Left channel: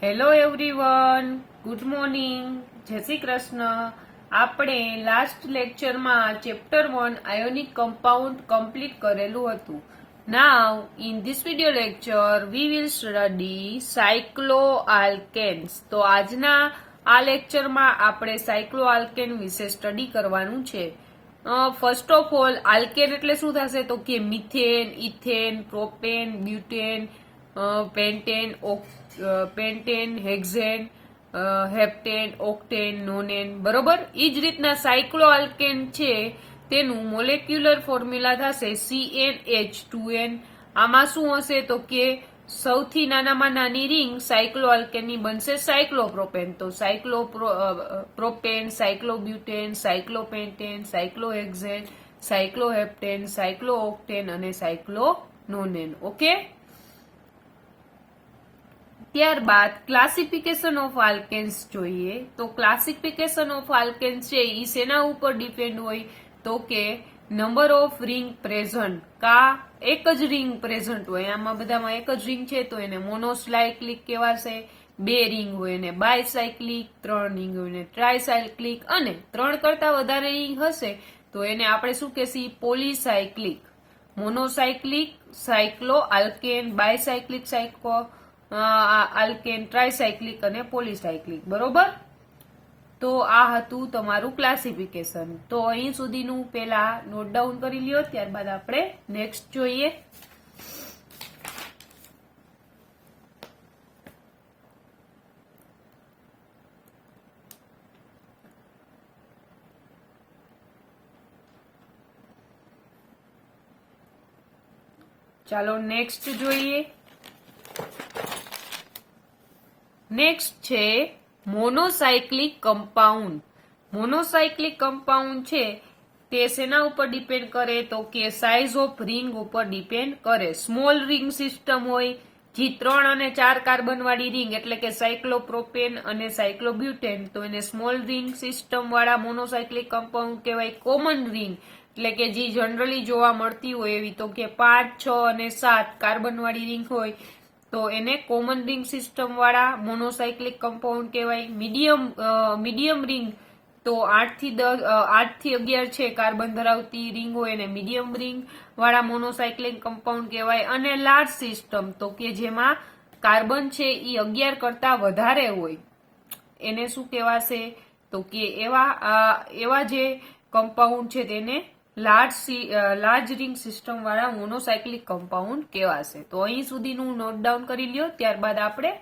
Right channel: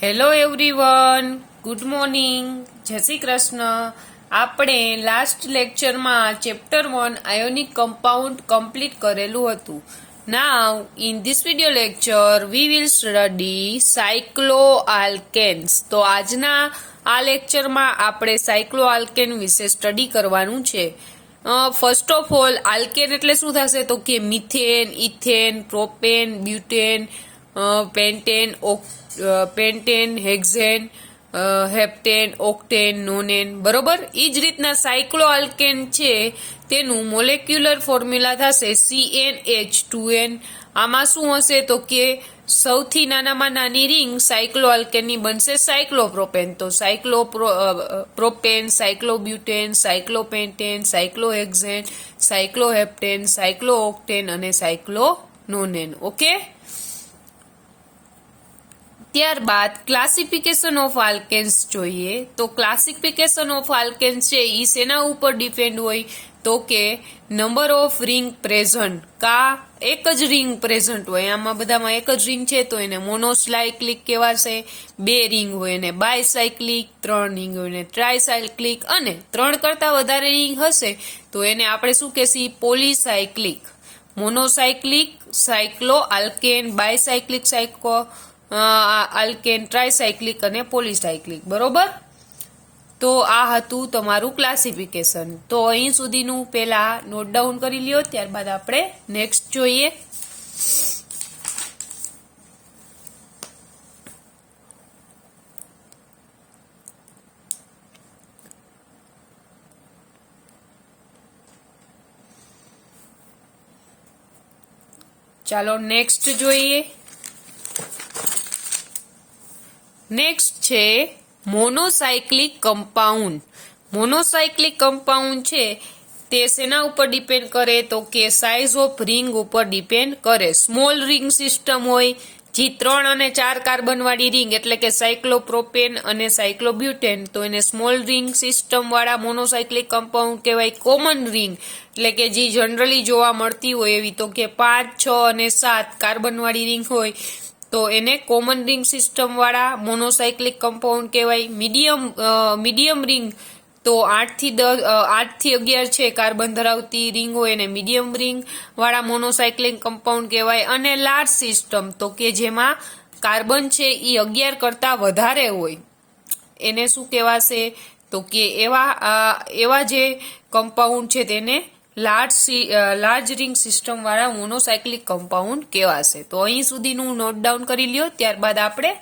Hello everyone, good morning, જય શ્રી કૃષ્ણ. આપણે last લેક્ચરમાં ચેપ્ટર 1 આયોનિક કમ્પાઉન્ડ કમ્પ્લીટ કરેલું હતું. Now in this video lecture we will study cycloalkanes. તો આજના આ લેક્ચરમાં આપણે સાયક્લોઆલ્કેન વિશે સ્ટડી કરવાનું છે. ફર્સ્ટ ઓફ ઓલ, આલ્કેન એટલે શું થશે તો કે methane, ethane, propane, butane, pentane, hexane, heptane, octane, nonane. બરોબર, એ જ રીતના સાયક્લોઆલ્કેન છે તેનું મોલેક્યુલર ફોર્મ્યુલા થશે CnH2n. આમાં શું હશે તો કે સૌથી નાનામાં નાની રિંગ સાયક્લોઆલ્કેનની બનશે સાયક્લોપ્રોપેન. તો સાયક્લોપ્રોપેન, સાયક્લોબ્યુટેન, સાયક્લોપેન્ટેન, સાયક્લોહેક્ઝેન, સાયક્લોહેપ્ટેન, સાયક્લોઓક્ટેન અને સાયક્લોનોનેન. ઓકે, ત્યારબાદ ક્લાસિફિકેશન ઓફ આલ્કેન્સ જોઈએ. તો ક્લાસિફિકેશન ઓફ આલ્કેન્સ છે એ શેના ઉપર ડિપેન્ડ હોય તો કે નંબર ઓફ રિંગ પ્રેઝન્ટ. એક જ રિંગ પ્રેઝન્ટ હોય, આમાં બધામાં એક જ રિંગ છે તો એને મોનોસાયક્લિક કહેવાશે. 2 રિંગ હોય એને બાયસાયક્લિક, 3 રિંગ હોય એને ટ્રાયસાયક્લિક, અને 3 કરતા વધારે રિંગ હશે તો એને આપણે શું કહેશી પોલીસાયક્લિક. મોનોસાયક્લિક સાયક્લો આલ્કેન, બાયસાયક્લિક આલ્કેન, ટ્રાયસાયક્લિક અને પોલીસાયક્લિક. બરોબર, તો આ હતું તમારું ક્લાસિફિકેશન. તો અહીં સુધીનું પહેલા નોટ ડાઉન કરી લ્યો, ત્યારબાદ આપણે નેક્સ્ટ જોઈએ. ચાલો નેક્સ્ટ જોઈએ. નેક્સ્ટ છે મોનોસાયક્લિક કમ્પાઉન્ડ. મોનોસાયક્લિક કમ્પાઉન્ડ છે તે શેના ઉપર ડિપેન્ડ કરે તો કે સાઇઝ ઓફ રિંગ ઉપર ડિપેન્ડ કરે. સ્મોલ રિંગ સિસ્ટમ હોય, જે 3 અને 4 કાર્બન વાળી રિંગ એટલે કે સાયક્લોપ્રોપેન અને સાયક્લોબ્યુટેન, તો એને સ્મોલ રિંગ સિસ્ટમ વાળા મોનોસાયક્લિક કમ્પાઉન્ડ કહેવાય. કોમન રિંગ એટલે કે જે જનરલી જોવા મળતી હોય એવી તો કે 5, 6 અને 7 કાર્બન વાળી રિંગ હોય તો એને કોમન રિંગ સિસ્ટમ વાળા મોનોસાયક્લિક કમ્પાઉન્ડ કહેવાય. મીડિયમ રિંગ તો 8 થી 11 છે કાર્બન ધરાવતી રિંગ હોય એને મીડિયમ રિંગ વાળા મોનોસાયક્લિક કમ્પાઉન્ડ કહેવાય. અને લાર્જ સિસ્ટમ તો કે જેમાં કાર્બન છે એ 11 કરતા વધારે હોય એને શું કહેવાશે તો કે એવા જે કમ્પાઉન્ડ છે તેને લાર્જ રિંગ સિસ્ટમ વાળા મોનોસાયક્લિક કમ્પાઉન્ડ કહેવાશે. તો અહીં સુધીનું નોટ ડાઉન કરી લ્યો, ત્યારબાદ આપણે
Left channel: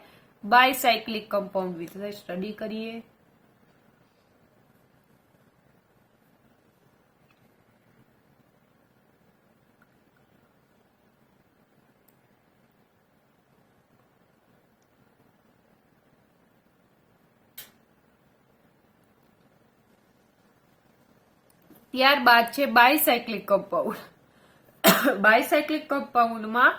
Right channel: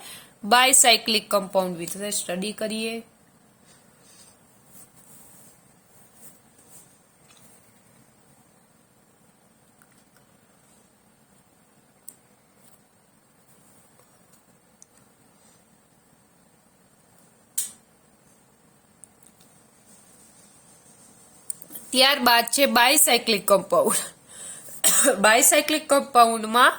બાયસાયક્લિક કમ્પાઉન્ડ વિશે સ્ટડી કરીએ. ત્યારબાદ છે બાયસાયક્લિક કમ્પાઉન્ડ. બાયસાયક્લિક કમ્પાઉન્ડમાં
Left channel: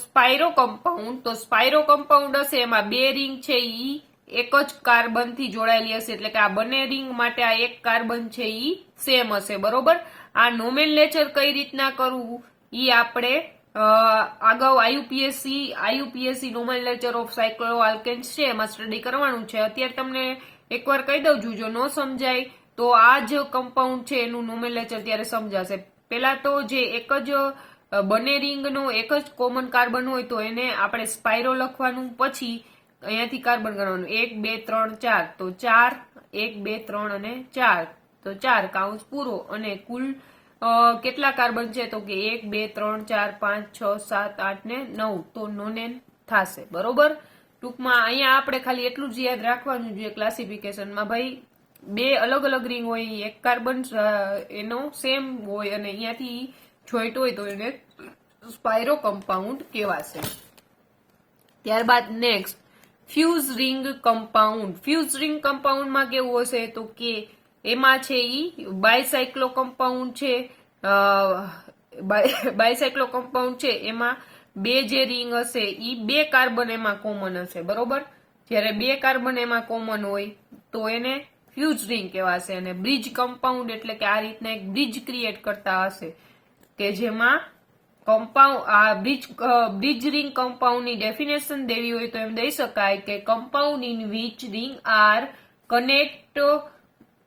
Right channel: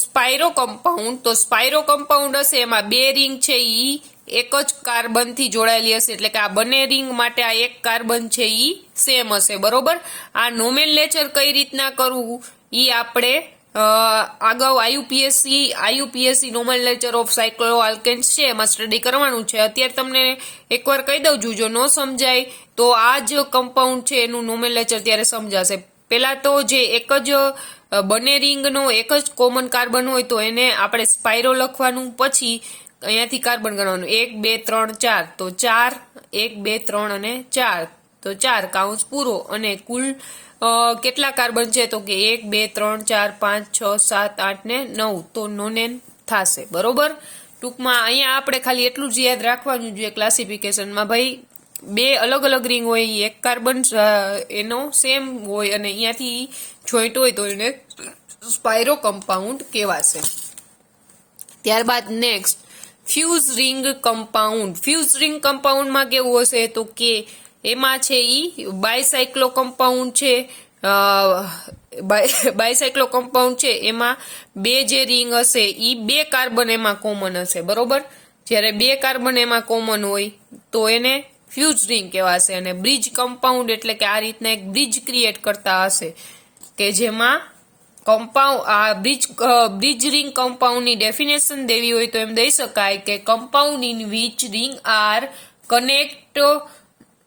સ્પાયરો કમ્પાઉન્ડ. તો સ્પાયરો કમ્પાઉન્ડ હશે એમાં 2 રિંગ છે ઈ એક જ કાર્બન થી જોડાયેલી હશે, એટલે કે આ બંને રિંગ માટે આ એક કાર્બન છે ઈ સેમ હશે. બરોબર, આ નોમેનલેચર કઈ રીતના કરવું ઈ આપણે આગળ આઈયુપીએસસી નોમેનલેચર ઓફ સાયક્લોઆલ્કેન્સ છે એમાં સ્ટડી કરવાનું છે. અત્યારે તમને એકવાર કહી દઉં છું, જો ન સમજાય તો આ જ કમ્પાઉન્ડ છે એનું નોમેનલેચર ત્યારે સમજાશે. પેલા તો જે એક જ બંને રિંગનો એક જ કોમન કાર્બન હોય તો એને આપણે સ્પાયરો લખવાનું, પછી અહીંયાથી કાર્બન ગણવાનું 1 2 3 4, તો 4 1 2 3 અને 4, તો 4 કાઉન્સ પૂરો. અને કુલ કેટલા કાર્બન છે તો કે 1 2 3 4 5 6 7 8 ને 9, તો નોનેન થશે. બરોબર, ટૂંકમાં અહીંયા આપણે ખાલી એટલું જ યાદ રાખવાનું જોઈએ ક્લાસિફિકેશનમાં, ભાઈ 2 અલગ અલગ રિંગ હોય, એક કાર્બન એનો સેમ હોય અને અહીંયાથી જોઈન્ટ હોય તો એને સ્પાયરો કમ્પાઉન્ડ કહેવાશે. ત્યારબાદ next fuse ring compound. Fuse ring કમ્પાઉન્ડમાં કેવું હશે તો કે એમાં છે ઈ બાયસાયક્લો કમ્પાઉન્ડ છે. બાયસાયક્લો કમ્પાઉન્ડ છે એમાં 2 જે રિંગ હશે ઈ 2 કાર્બન એમાં કોમન હશે. બરોબર, જ્યારે 2 કાર્બન એમાં કોમન હોય તો એને ફ્યુઝ રિંગ કહેવાશે. અને બ્રિજ કમ્પાઉન્ડ એટલે કે આ રીતના એક બ્રિજ ક્રિએટ કરતા હશે કે જેમાં કમ્પાઉન્ડ આ બ્રિજ રિંગ કમ્પાઉન્ડની ડેફિનેશન દેવી હોય તો એમ દઈ શકાય કે compound in which ring are connect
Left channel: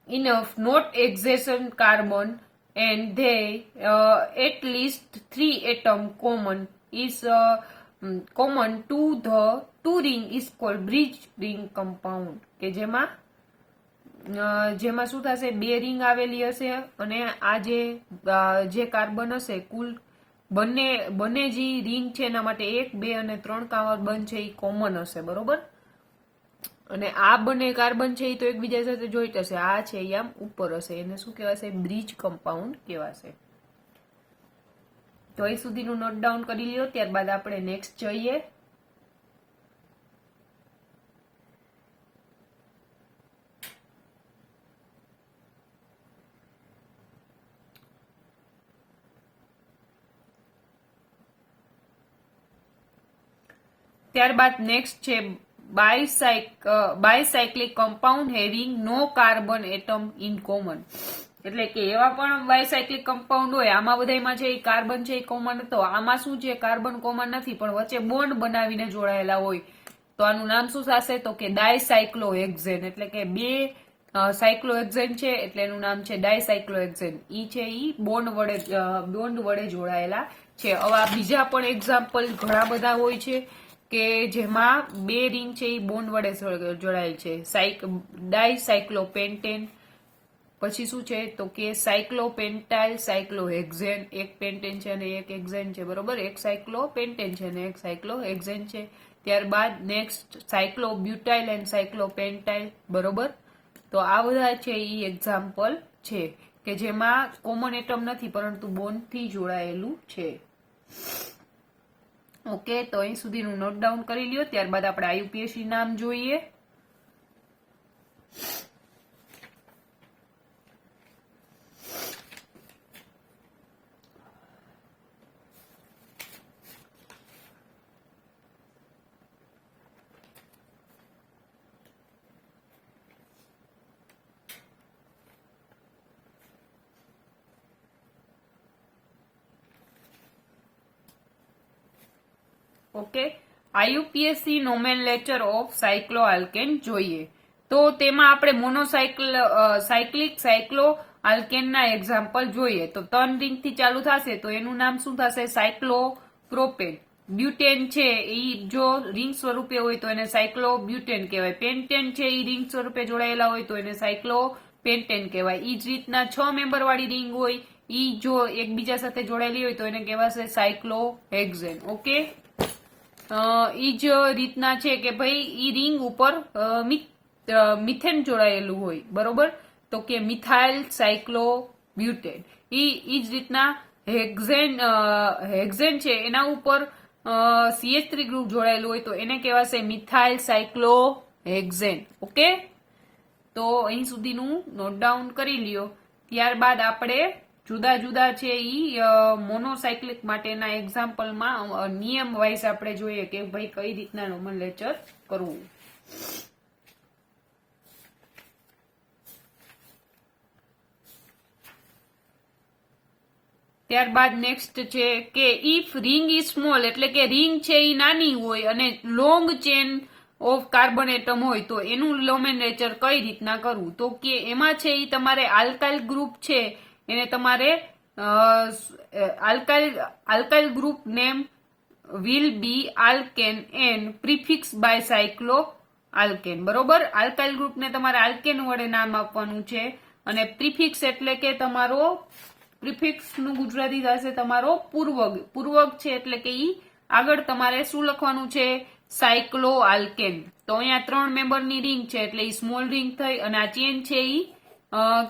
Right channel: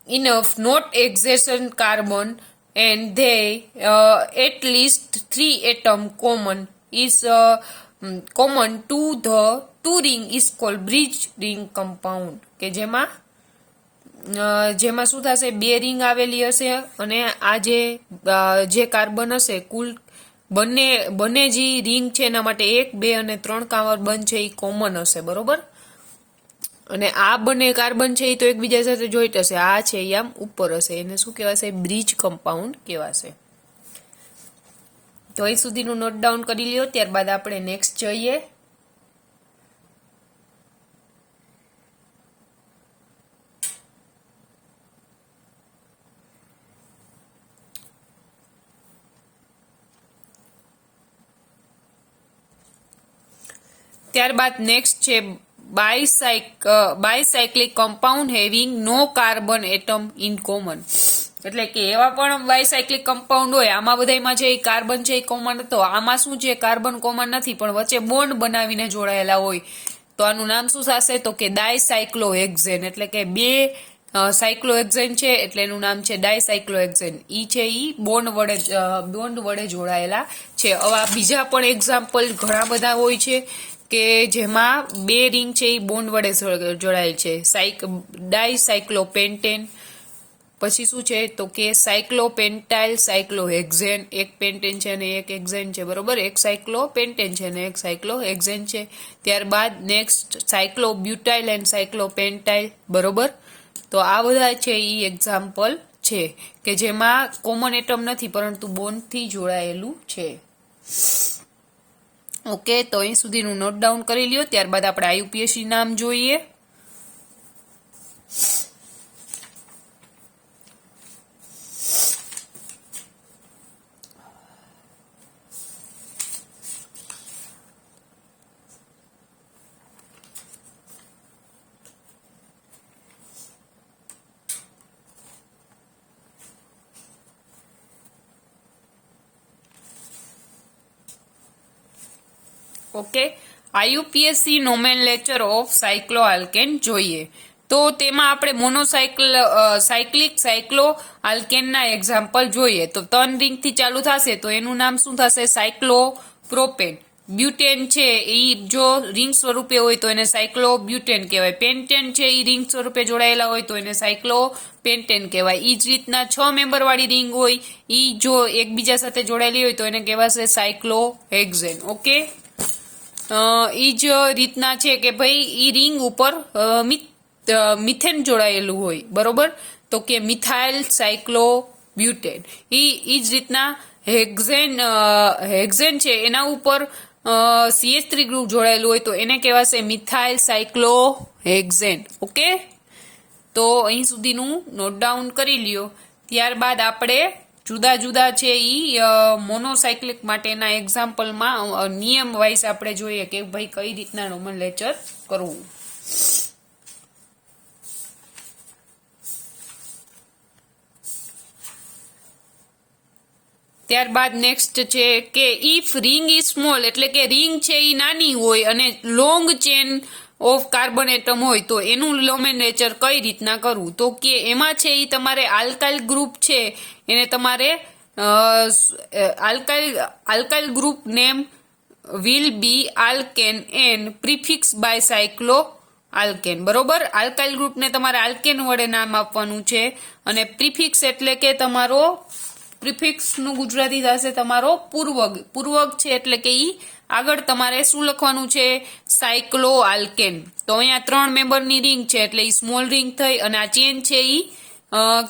enough not exertion carbon and they at least 3 atom common to the two ring is called bridge ring compound, કે જેમાં શું થશે, 2 રિંગ આવેલી હશે અને આ જે કાર્બન હશે કુલ બંને જે રિંગ છે એના માટે 1, 2 અને 3 કાર્બન છે એ કોમન હશે, બરોબર. અને આ બંને કાર્બન છે એ તો એકબીજા સાથે જોઈન્ટ હશે, આ છે એ આમ ઉપર હશે, એને શું કહેવાશે, બ્રિજ કમ્પાઉન્ડ કહેવાશે. તો અહીં સુધીનું નોટ ડાઉન કરી લ્યો. ત્યારબાદ આપણે નેક્સ્ટ જોઈએ. ત્યારબાદ નેક્સ્ટ છે bicyclic compound having no carbon atom in common. એટલે કે એવા પણ બાયસાયક્લિક કમ્પાઉન્ડ હોય, આમાં બધામાં જે કાર્બન છે એ કોમન હતો, આમાં શું છે, કાર્બન કોમન નથી પણ વચ્ચે બોન્ડ બનાવીને જોડાયેલા હોય, તો આનું નામ શું થશે, તો કે ડાયસાયક્લોહેક્ઝેન. એટલે કે 2 સાયક્લોહેક્ઝેન છે એટલે એનું નામ છે ડાયસાયક્લોહેક્ઝેન. ઈ છે ઈ બોન્ડ વડે જોડાયેલા છે. હવે બીજા પણ એક્ઝામ્પલ ઘણા બધા હોય છે કે જેમાં 2 રિંગ છે એ બોન્ડ વડે જોડાયેલ છે. ડાયસાયક્લોપેન્ટેન, પછી શું છે તો કે સાયક્લોપેન્ટાઇલ સાયક્લોહેક્ઝેન, એક પેન્ટેન છે અને એક હેક્ઝેન છે, બરોબર. એક સાયક્લોપેન્ટેન છે અને એક સાયક્લોહેક્ઝેન છે. ત્યારબાદ નેક્સ્ટ સાયક્લોબ્યુટાઇલ એન્ડ સાયક્લોપેન્ટાઇલ, બરોબર. તો આ બધા છે એ એક્ઝામ્પલ છે કે જેમાં કોમન એટમ નથી પરંતુ બોન્ડથી જોડાયેલું છે. ઓકે, તો અહીં સુધીનું નોટ ડાઉન કરી લ્યો. ત્યારબાદ આપણે આઈયુપીએસસી નામ જોઈએ. ઓકે, આઈયુપીએસસી નોમેનલેચર ઓફ સાયક્લોઆલ્કેન જોઈએ. તો તેમાં આપણે સાયક્લિક સાયક્લો આલ્કેનના એક્ઝામ્પલ જોઈએ. તો 3 રિંગથી ચાલુ થશે તો એનું નામ શું થશે, સાયક્લોપ્રોપેન. બ્યુટેન છે એ જો રિંગ સ્વરૂપે હોય તો એને સાયક્લોબ્યુટેન કહેવાય. પેન્ટેન છે એ રિંગ સ્વરૂપે જોડાયેલા હોય તો એને સાયક્લોપેન્ટેન કહેવાય. એ જ રીતના 6 મેમ્બર વાળી રિંગ હોય એ જો એકબીજા સાથે જોડાયેલી હોય તો એને કહેવાશે સાયક્લોહેક્ઝેન. ઓકે, ઈ જ રીતના છે કે ભાઈ ઈ રિંગ ઉપર મિથેન જોડાયેલું હોય, બરોબર, તો કે મિથાઇલ સાયક્લોબ્યુટેન. ઈ જ રીતના હેક્ઝેન છે એના ઉપર CH3 ગ્રુપ જોડાયેલું હોય તો એને કહેવાશે મિથાઇલ સાયક્લોહેક્ઝેન. ઓકે, તો અહીં સુધીનું નોટ ડાઉન કરી લ્યો. ત્યારબાદ આપણે જુદા જુદા છે ઈ મોનોસાયક્લિક માટેના એક્ઝામ્પલમાં નિયમ વાઇઝ આપણે જોઈએ કે ભાઈ કઈ રીતના નોમેનલેચર કરવું. ત્યારબાદ નેક્સ્ટ છે કે ઇફ રિંગ ઇઝ સ્મોલ, એટલે કે રિંગ છે એ નાની હોય અને long chain of carbon atom હોય તો એનું નોમેનલેચર કઈ રીતના કરવું. તો કે એમાં છે એ તમારે આલ્કાઇલ ગ્રુપ છે એને તમારે alkyl group name will be alkane and prefix by cyclo alkane, બરોબર. આલ્કાઇલ ગ્રુપને તમારે આલ્કેન વડે નામ આપવાનું છે અને પ્રિફિક્સ એટલે કે તમારો પ્રિફિક્સ નું ગુજરાતી થશે તમારો પૂર્વગ છે એટલે કે ઈ આગળ તમારે શું લખવાનું છે, સાયક્લો આલ્કેન. તો અહીંયા 3 મેમ્બરની રિંગ છે એટલે ઈ સ્મોલ રિંગ થઈ અને આ ચેન છે ઈ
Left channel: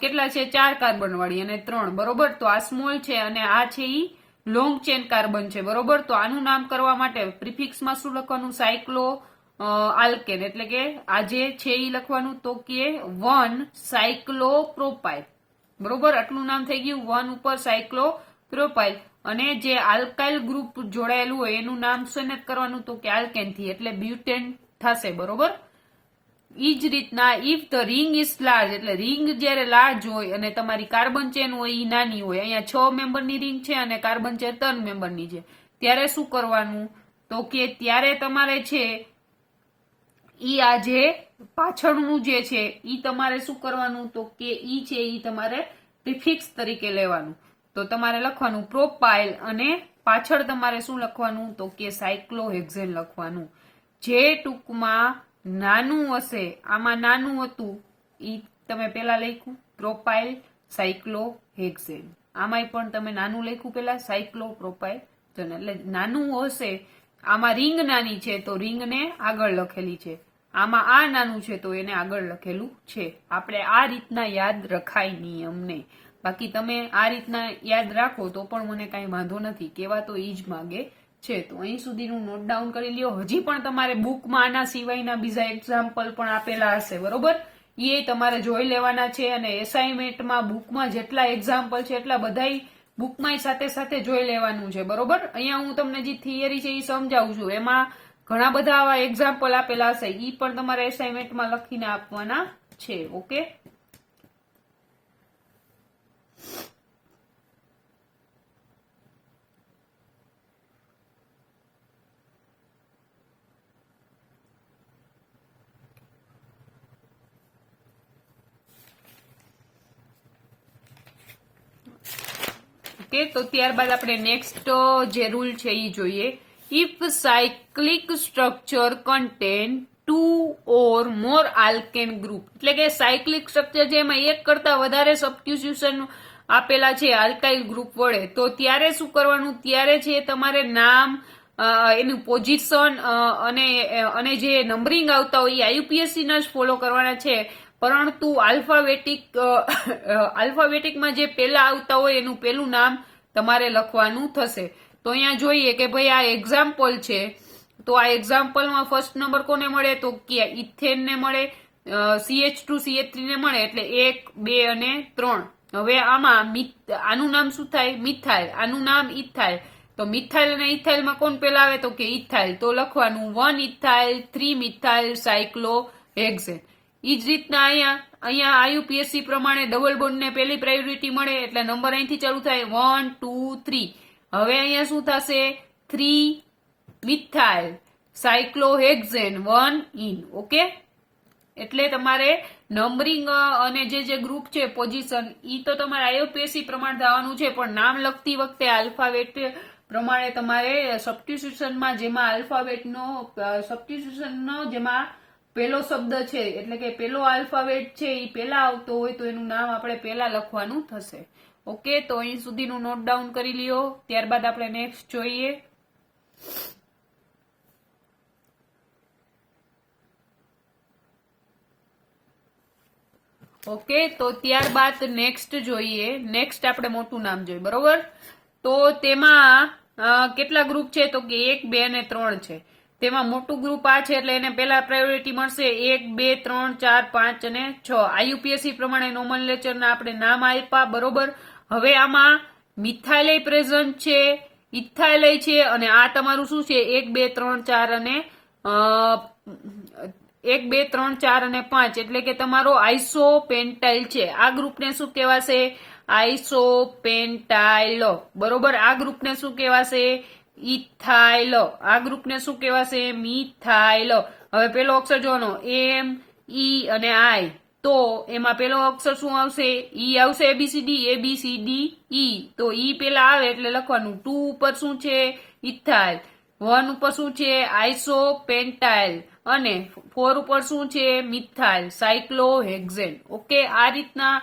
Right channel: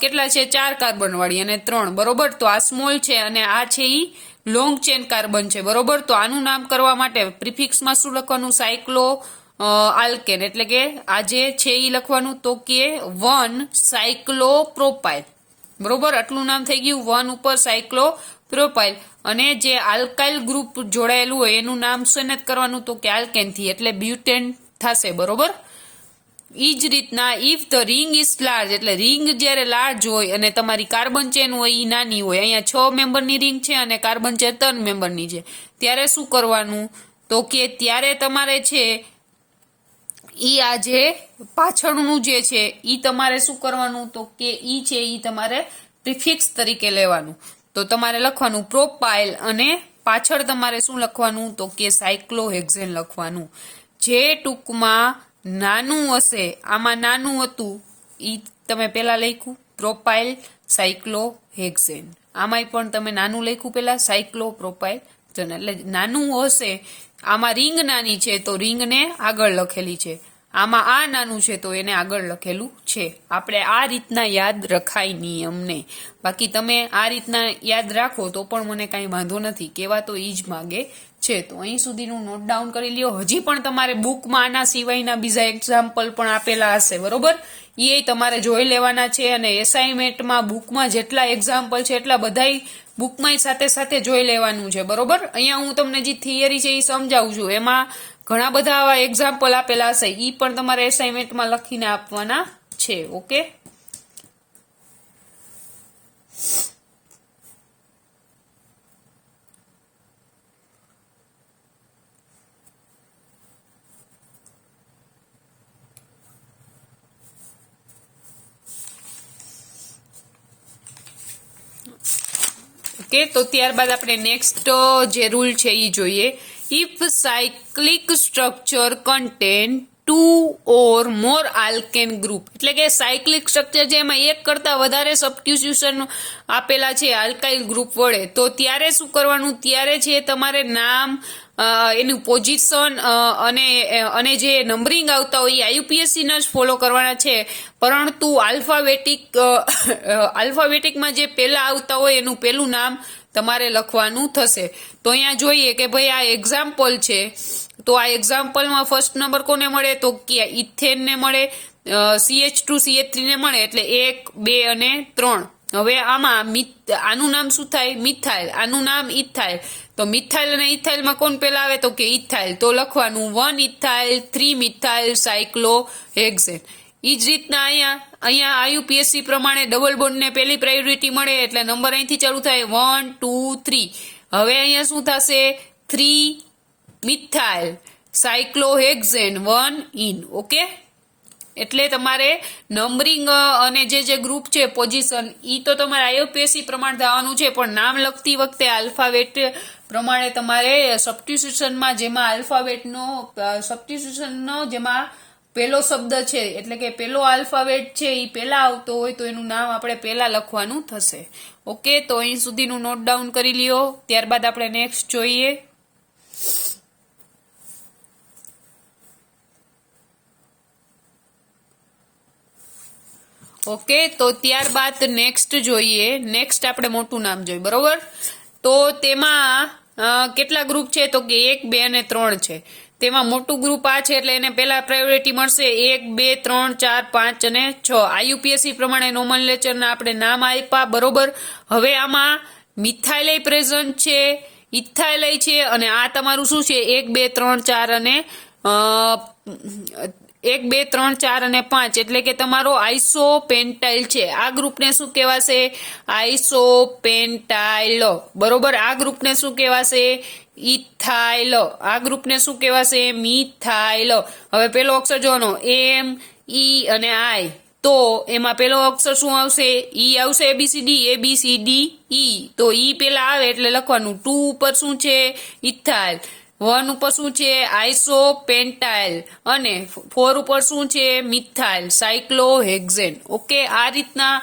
કેટલા છે, 4 કાર્બન વાળી અને 3, બરોબર. તો આ સ્મોલ છે અને આ છે ઈ લોંગ ચેન કાર્બન છે, બરોબર. તો આનું નામ કરવા માટે પ્રિફિક્સમાં શું લખવાનું, સાયક્લો આલ્કેન, એટલે કે આ જે છે ઈ લખવાનું તો કે 1 સાયક્લોપ્રોપાઇલ, બરોબર. આટલું નામ થઈ ગયું 1 ઉપર સાયક્લોપ્રોપાઇલ. અને જે આલ્કાઇલ ગ્રુપ જોડાયેલું હોય એનું નામ શું કરવાનું તો કે આલ્કેન થી, એટલે બ્યુટેન થશે, બરોબર. ઈ જ રીતના if the ring is large, એટલે રિંગ જ્યારે લાર્જ હોય અને તમારી કાર્બન ચેન હોય એ નાની હોય, અહીંયા 6 મેમ્બરની રિંગ છે અને કાર્બન ચેન 3 મેમ્બરની છે, ત્યારે શું કરવાનું? તો કે ત્યારે તમારે છે ઈ આ જે પાછળનું જે છે ઈ તમારે શું કરવાનું? તો કે ઈ છે ઈ તમારે પ્રિફિક્સ તરીકે લેવાનું. તો તમારે લખવાનું પ્રોપાઇલ અને પાછળ તમારે શું લખવાનું? તો કે સાયક્લોહેક્ઝેન લખવાનું. જે ટૂંકમાં નાનું હશે, આમાં નાનું હતું ઈ તમે પેલા લખ્યું પ્રોપાઇલ સાયક્લોહેક્ઝેન, આમાંય પણ તમે નાનું લખ્યું પેલા સાયક્લો પ્રોપાઇલ. એટલે નાનું હશે, આમાં રિંગ નાની છે તો રિંગને આગળ લખેલી છે, આમાં આ નાનું છે તો એને આગળ લખેલું છે. આપણે આ રીતના યાદ રખાય નિયમને. બાકી તમે આ રીતના યાદ રાખો તો પણ મને કાંઈ વાંધો નથી, કેવા તો ઈ જ માગે છે. તો અહીં સુધીનું નોટ ડાઉન કરી લ્યો. હજી પણ તમારે બુકમાં આના સિવાયના બીજા એક્ઝામ્પલ પણ આપેલા હશે, બરોબર? એ તમારે જોઈ લેવાના છે અને એસાઇનમેન્ટમાં બુકમાં જેટલા એક્ઝામ્પલ છે એટલા બધાય બુકમાં સાથે સાથે જોઈ લેવાનું છે, બરોબર? અહીંયા હું તમને જે થિયરી છે એ સમજાવું છું, એમાં ઘણા બધા આવા એક્ઝામ્પલ આપેલા હશે, એ પણ તમારે એસાઇનમેન્ટમાં લખીને આપવાના છે. Okay, okay. તો ત્યારબાદ આપણે નેક્સ્ટ જે રૂલ છે એ જોઈએ. If cyclic structure contain 2 or more alkane group, એટલે કે સાયક્લિક સ્ટ્રક્ચર જેમાં એક કરતા વધારે સબસ્ટિટ્યુશન આપેલા છે આલ્કાઇલ ગ્રુપ વડે, તો ત્યારે શું કરવાનું? ત્યારે છે તમારે નામ, એનું પોઝિશન અને જે નંબરિંગ આવતા હોય એ આઈયુપીએસસી ના જ ફોલો કરવાના છે, પરંતુ આલ્ફાબેટિકમાં જે પહેલા આવતા હોય એનું પહેલું નામ તમારે લખવાનું થશે. તો અહીંયા જોઈએ કે ભાઈ આ એક્ઝામ્પલ છે, તો આ એક્ઝામ્પલમાં ફર્સ્ટ નંબર કોને મળે? તો કે ઇથેન ને મળે, CH2 CH3 ને મળે, એટલે 1 2 અને 3. હવે આમાં આનું નામ શું થાય? મિથાઇલ. આનું નામ ઇથાઇલ. તો મિથાઇલ અને ઇથાઇલમાં કોણ પેલા આવે? તો કે ઇથાઇલ. તો લખવાનું 1 ઇથાઇલ 3 મિથાઇલ સાયક્લોહેક્ઝેન. એ જ રીતના અહીંયા આઈયુપીએસસી પ્રમાણે ડબલ બોન્ડને પહેલી પ્રાયોરિટી મળે, એટલે નંબર અહીંથી ચાલુ થાય 1 2 3. હવે અહીંયા શું થશે? 3 મિથાઇલ સાયક્લોહેક્ઝેન 1 ઇન. ઓકે, એટલે તમારે નંબરિંગ અને જે ગ્રુપ છે પોઝિશન ઈ તો તમારે આઈયુપીએસસી પ્રમાણે થવાનું છે, પણ નામ લખતી વખતે આલ્ફાબેટ પ્રમાણે તમારે સબસ્ટિટ્યુશનમાં જેમાં આલ્ફાબેટનો સબસ્ટિટ્યુશનનો જેમાં પહેલો શબ્દ છે, એટલે કે પહેલો આલ્ફાબેટ છે એ પહેલા આવતો હોય તો એનું નામ આપણે પહેલા લખવાનું થશે. ઓકે, તો અહીં સુધીનું નોટ ડાઉન કરી લ્યો. ત્યારબાદ આપણે નેક્સ્ટ જોઈએ. ઓકે, તો ત્યારબાદ નેક્સ્ટ જોઈએ. નેક્સ્ટ આપણે મોટું નામ જોઈએ, બરોબર? તો તેમાં કેટલા ગ્રુપ છે? તો કે 1 2 અને 3 છે. તેમાં મોટું ગ્રુપ આ છે એટલે એને પહેલા પ્રાયોરિટી મળશે. 1 2 3 4 5 અને 6. આઈયુપીએસસી પ્રમાણે નોમેનક્લેચરના આપણે નામ આપ્યા, બરોબર? હવે આમાં મિથાઇલ પ્રેઝન્ટ છે, ઇથાઇલ છે, અને આ તમારું શું છે? 1 2 3 4 અને 1 2 3 4 અને 5, એટલે કે તમારો આઇસોપેન્ટાઇલ છે. આ ગ્રુપને શું કહેવાશે? આઇસોપેન્ટાઇલ, બરોબર? આ ગ્રુપને શું કહેવાશે? ઇથાઇલ. આ ગ્રુપને શું કહેવાશે? મિથાઇલ. હવે પેલો અક્ષર જોવાનો M E અને I, તો એમાં પેલો અક્ષર શું આવશે? E આવશે. ABCD E, તો E પેલા આવે એટલે લખવાનું. 2 ઉપર શું છે? ઇથાઇલ. 1 ઉપર શું છે? આઇસોપેન્ટાઇલ. અને 4 ઉપર શું છે? Methyl cyclohexene. ઓકે, આ રીતના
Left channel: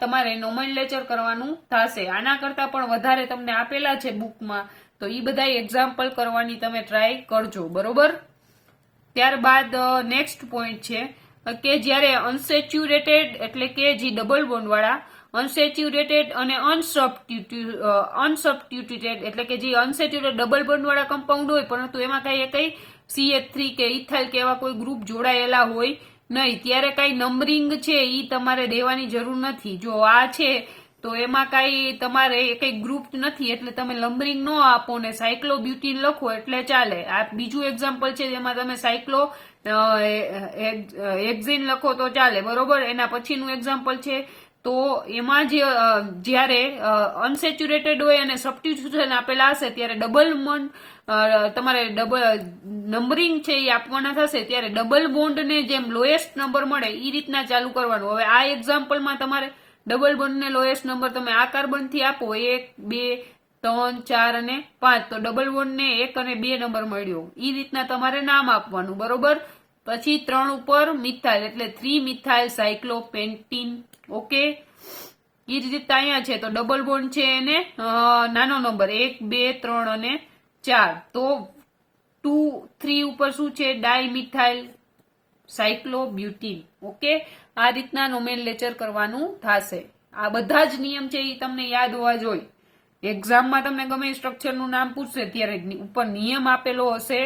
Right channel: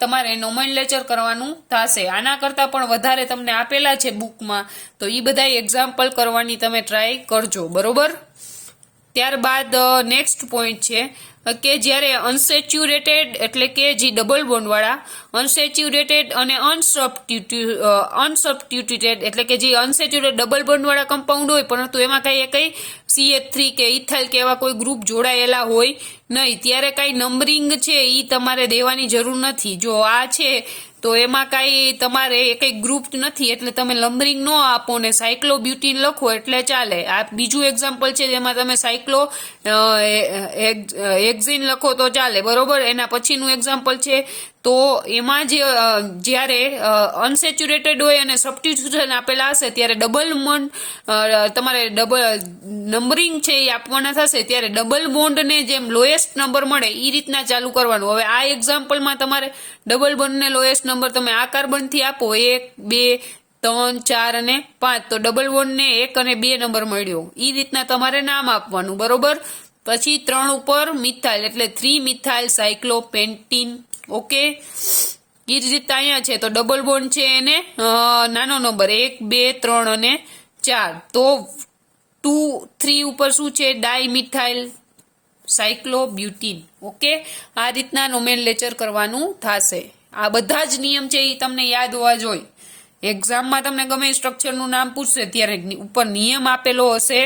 તમારે નોમેનક્લેચર કરવાનું થશે. આના કરતાં પણ વધારે તમને આપેલા છે બુકમાં, તો એ બધા એક્ઝામ્પલ કરવાની તમે ટ્રાય કરજો, બરોબર? ત્યારબાદ નેક્સ્ટ પોઈન્ટ છે કે જ્યારે અનસેચ્યુરેટેડ, એટલે કે જે ડબલ બોન્ડવાળા, અનસેચ્યુરેટેડ અને અનસબસ્ટિટ્યુટેડ, એટલે કે જે અનસેચ્યુરેટેડ ડબલ બોન્ડવાળા કમ્પાઉન્ડ હોય પરંતુ એમાં કઈ CH3 કે ઇથાઇલ કે એવા કોઈ ગ્રુપ જોડાયેલા હોય નહીં, ત્યારે કાંઈ નંબરિંગ છે એ તમારે દેવાની જરૂર નથી. જો આ છે તો તો એમાં કાંઈ તમારે કંઈ ગ્રુપ નથી એટલે તમે નંબરિંગ ન આપો ને સાયક્લોબ્યુટીન લખો એટલે ચાલે. આ બીજું એક્ઝામ્પલ છે જેમાં તમે સાયક્લો હેક્ઝેન લખો તો ચાલે, બરોબર. એના પછીનું એક્ઝામ્પલ છે તો એમાં જ્યારે અનસેચ્યુરેટેડ હોય અને સબસ્ટિટ્યુશન આપેલા હશે ત્યારે તમારે ડબલ નંબરિંગ છે એ આપવાના થશે ત્યારે ડબલ બોન્ડને જેમ લોએસ્ટ નંબર મળે એ રીતના ચાલુ કરવાનું. હવે આ એક્ઝામ્પલમાં તમારે ડબલ બોન્ડને લોએસ્ટ નંબર તમે આ કાર્બનથી આપો 1, 2, 3, 4 અને 5 તો ડબલ બોન્ડને 1 અને 2 નંબર મળ્યો. એ રીતના તમારે નામ આપવાનું, બરોબર. પછી 3 ઉપર મિથાઇલ એટલે 3 મિથાઇલ સાયક્લોપેન્ટીન. ઓકે, એ જ રીતે અહીંયા છે તો ડબલ બોન્ડ છે એને નાનો નંબર 1, 2, 3 અને 4 તો 2, 3 ઉપર શું છે ડાયમિથાઇલ સાયક્લોબ્યુટીન. ઓકે, આ રીતના નોમેનલેચર કરવાનું થશે. આ બધા જ નિયમ છે એ તમને યાદ હોવા જોઈએ. એક્ઝામમાં તમને ગમે સ્ટ્રક્ચરનું નામ પૂછશે ત્યારે ઉપર નિયમ આપેલો હશે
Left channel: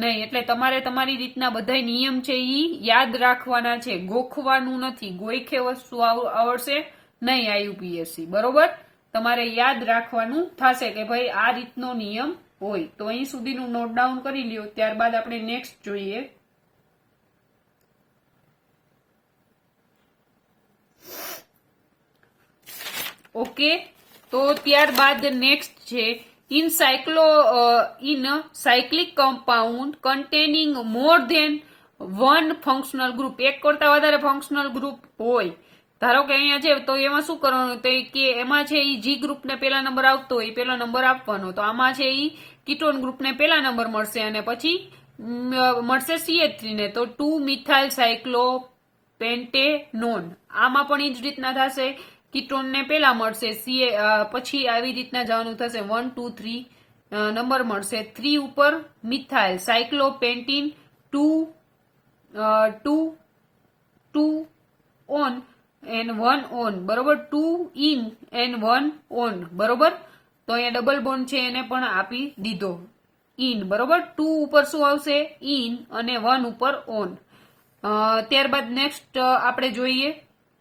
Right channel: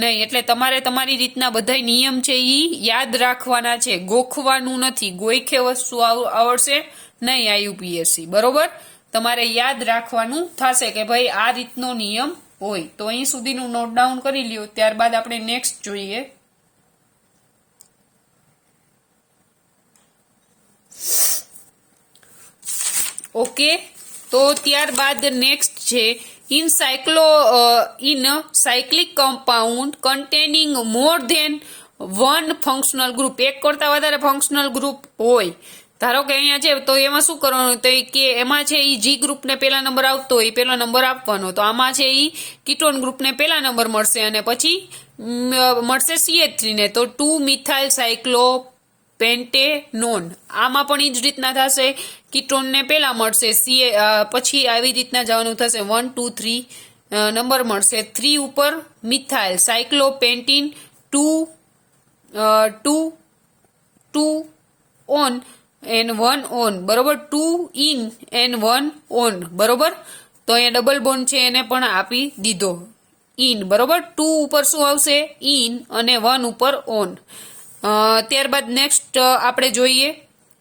નહીં, એટલે તમારે તમારી રીતના બધા નિયમ છે એ યાદ રાખવાના છે, ગોખવાનું નથી. ગોઈખે વસ્તુ આવડશે નહીં આઈયુપીએસસી, બરોબર. તમારે યાદ રાખવાનું થશે કે ભાઈ આ રીતનો નિયમ હોય. તો અહીં સુધીનું નોટ ડાઉન કરી લ્યો, ત્યારબાદ આપણે નેક્સ્ટ જોઈએ. ઓકે, તો ત્યારબાદ નેક્સ્ટ છે in cyclic compound containing more than 1 functional group. એક કરતા વધારે ફંક્શનલ ગ્રુપ હોય, ધારો કે અહીંયા છે તો એમાં શું કરવાનું તો કે એમાં છે એ જી ગ્રુપને પહેલા નંબર આવતો હોય પહેલો નંબર આપવાનો. તો આમાં છે એ કીટોન ગ્રુપને પહેલા નંબર મળશે અને પછી મળશે CH3 ને તો 2 મિથાઇલ સાયક્લોપેન્ટેનોન. આમાં પણ એ જ રીતના થશે, કીટોનને પહેલા મળશે પછી આવી રીતના જવાનું થશે 1, 2, 3 નંબર મળશે. 3 ઉપર મિથાઇલ સાયક્લોપેન્ટીન 2 ઓન એન્ડ 1 ઓન, બરોબર. 2 ઇન એન્ડ 1 ઓન, બરોબર. તો અહીંયા ડબલ બોન્ડ છે એને પણ આપી દીધો ઇન, બરોબર. 2 ઉપર શું આવશે ઇન અને 1 ઉપર ઓન. ત્યારબાદ નેક્સ્ટ આપણે જોઈએ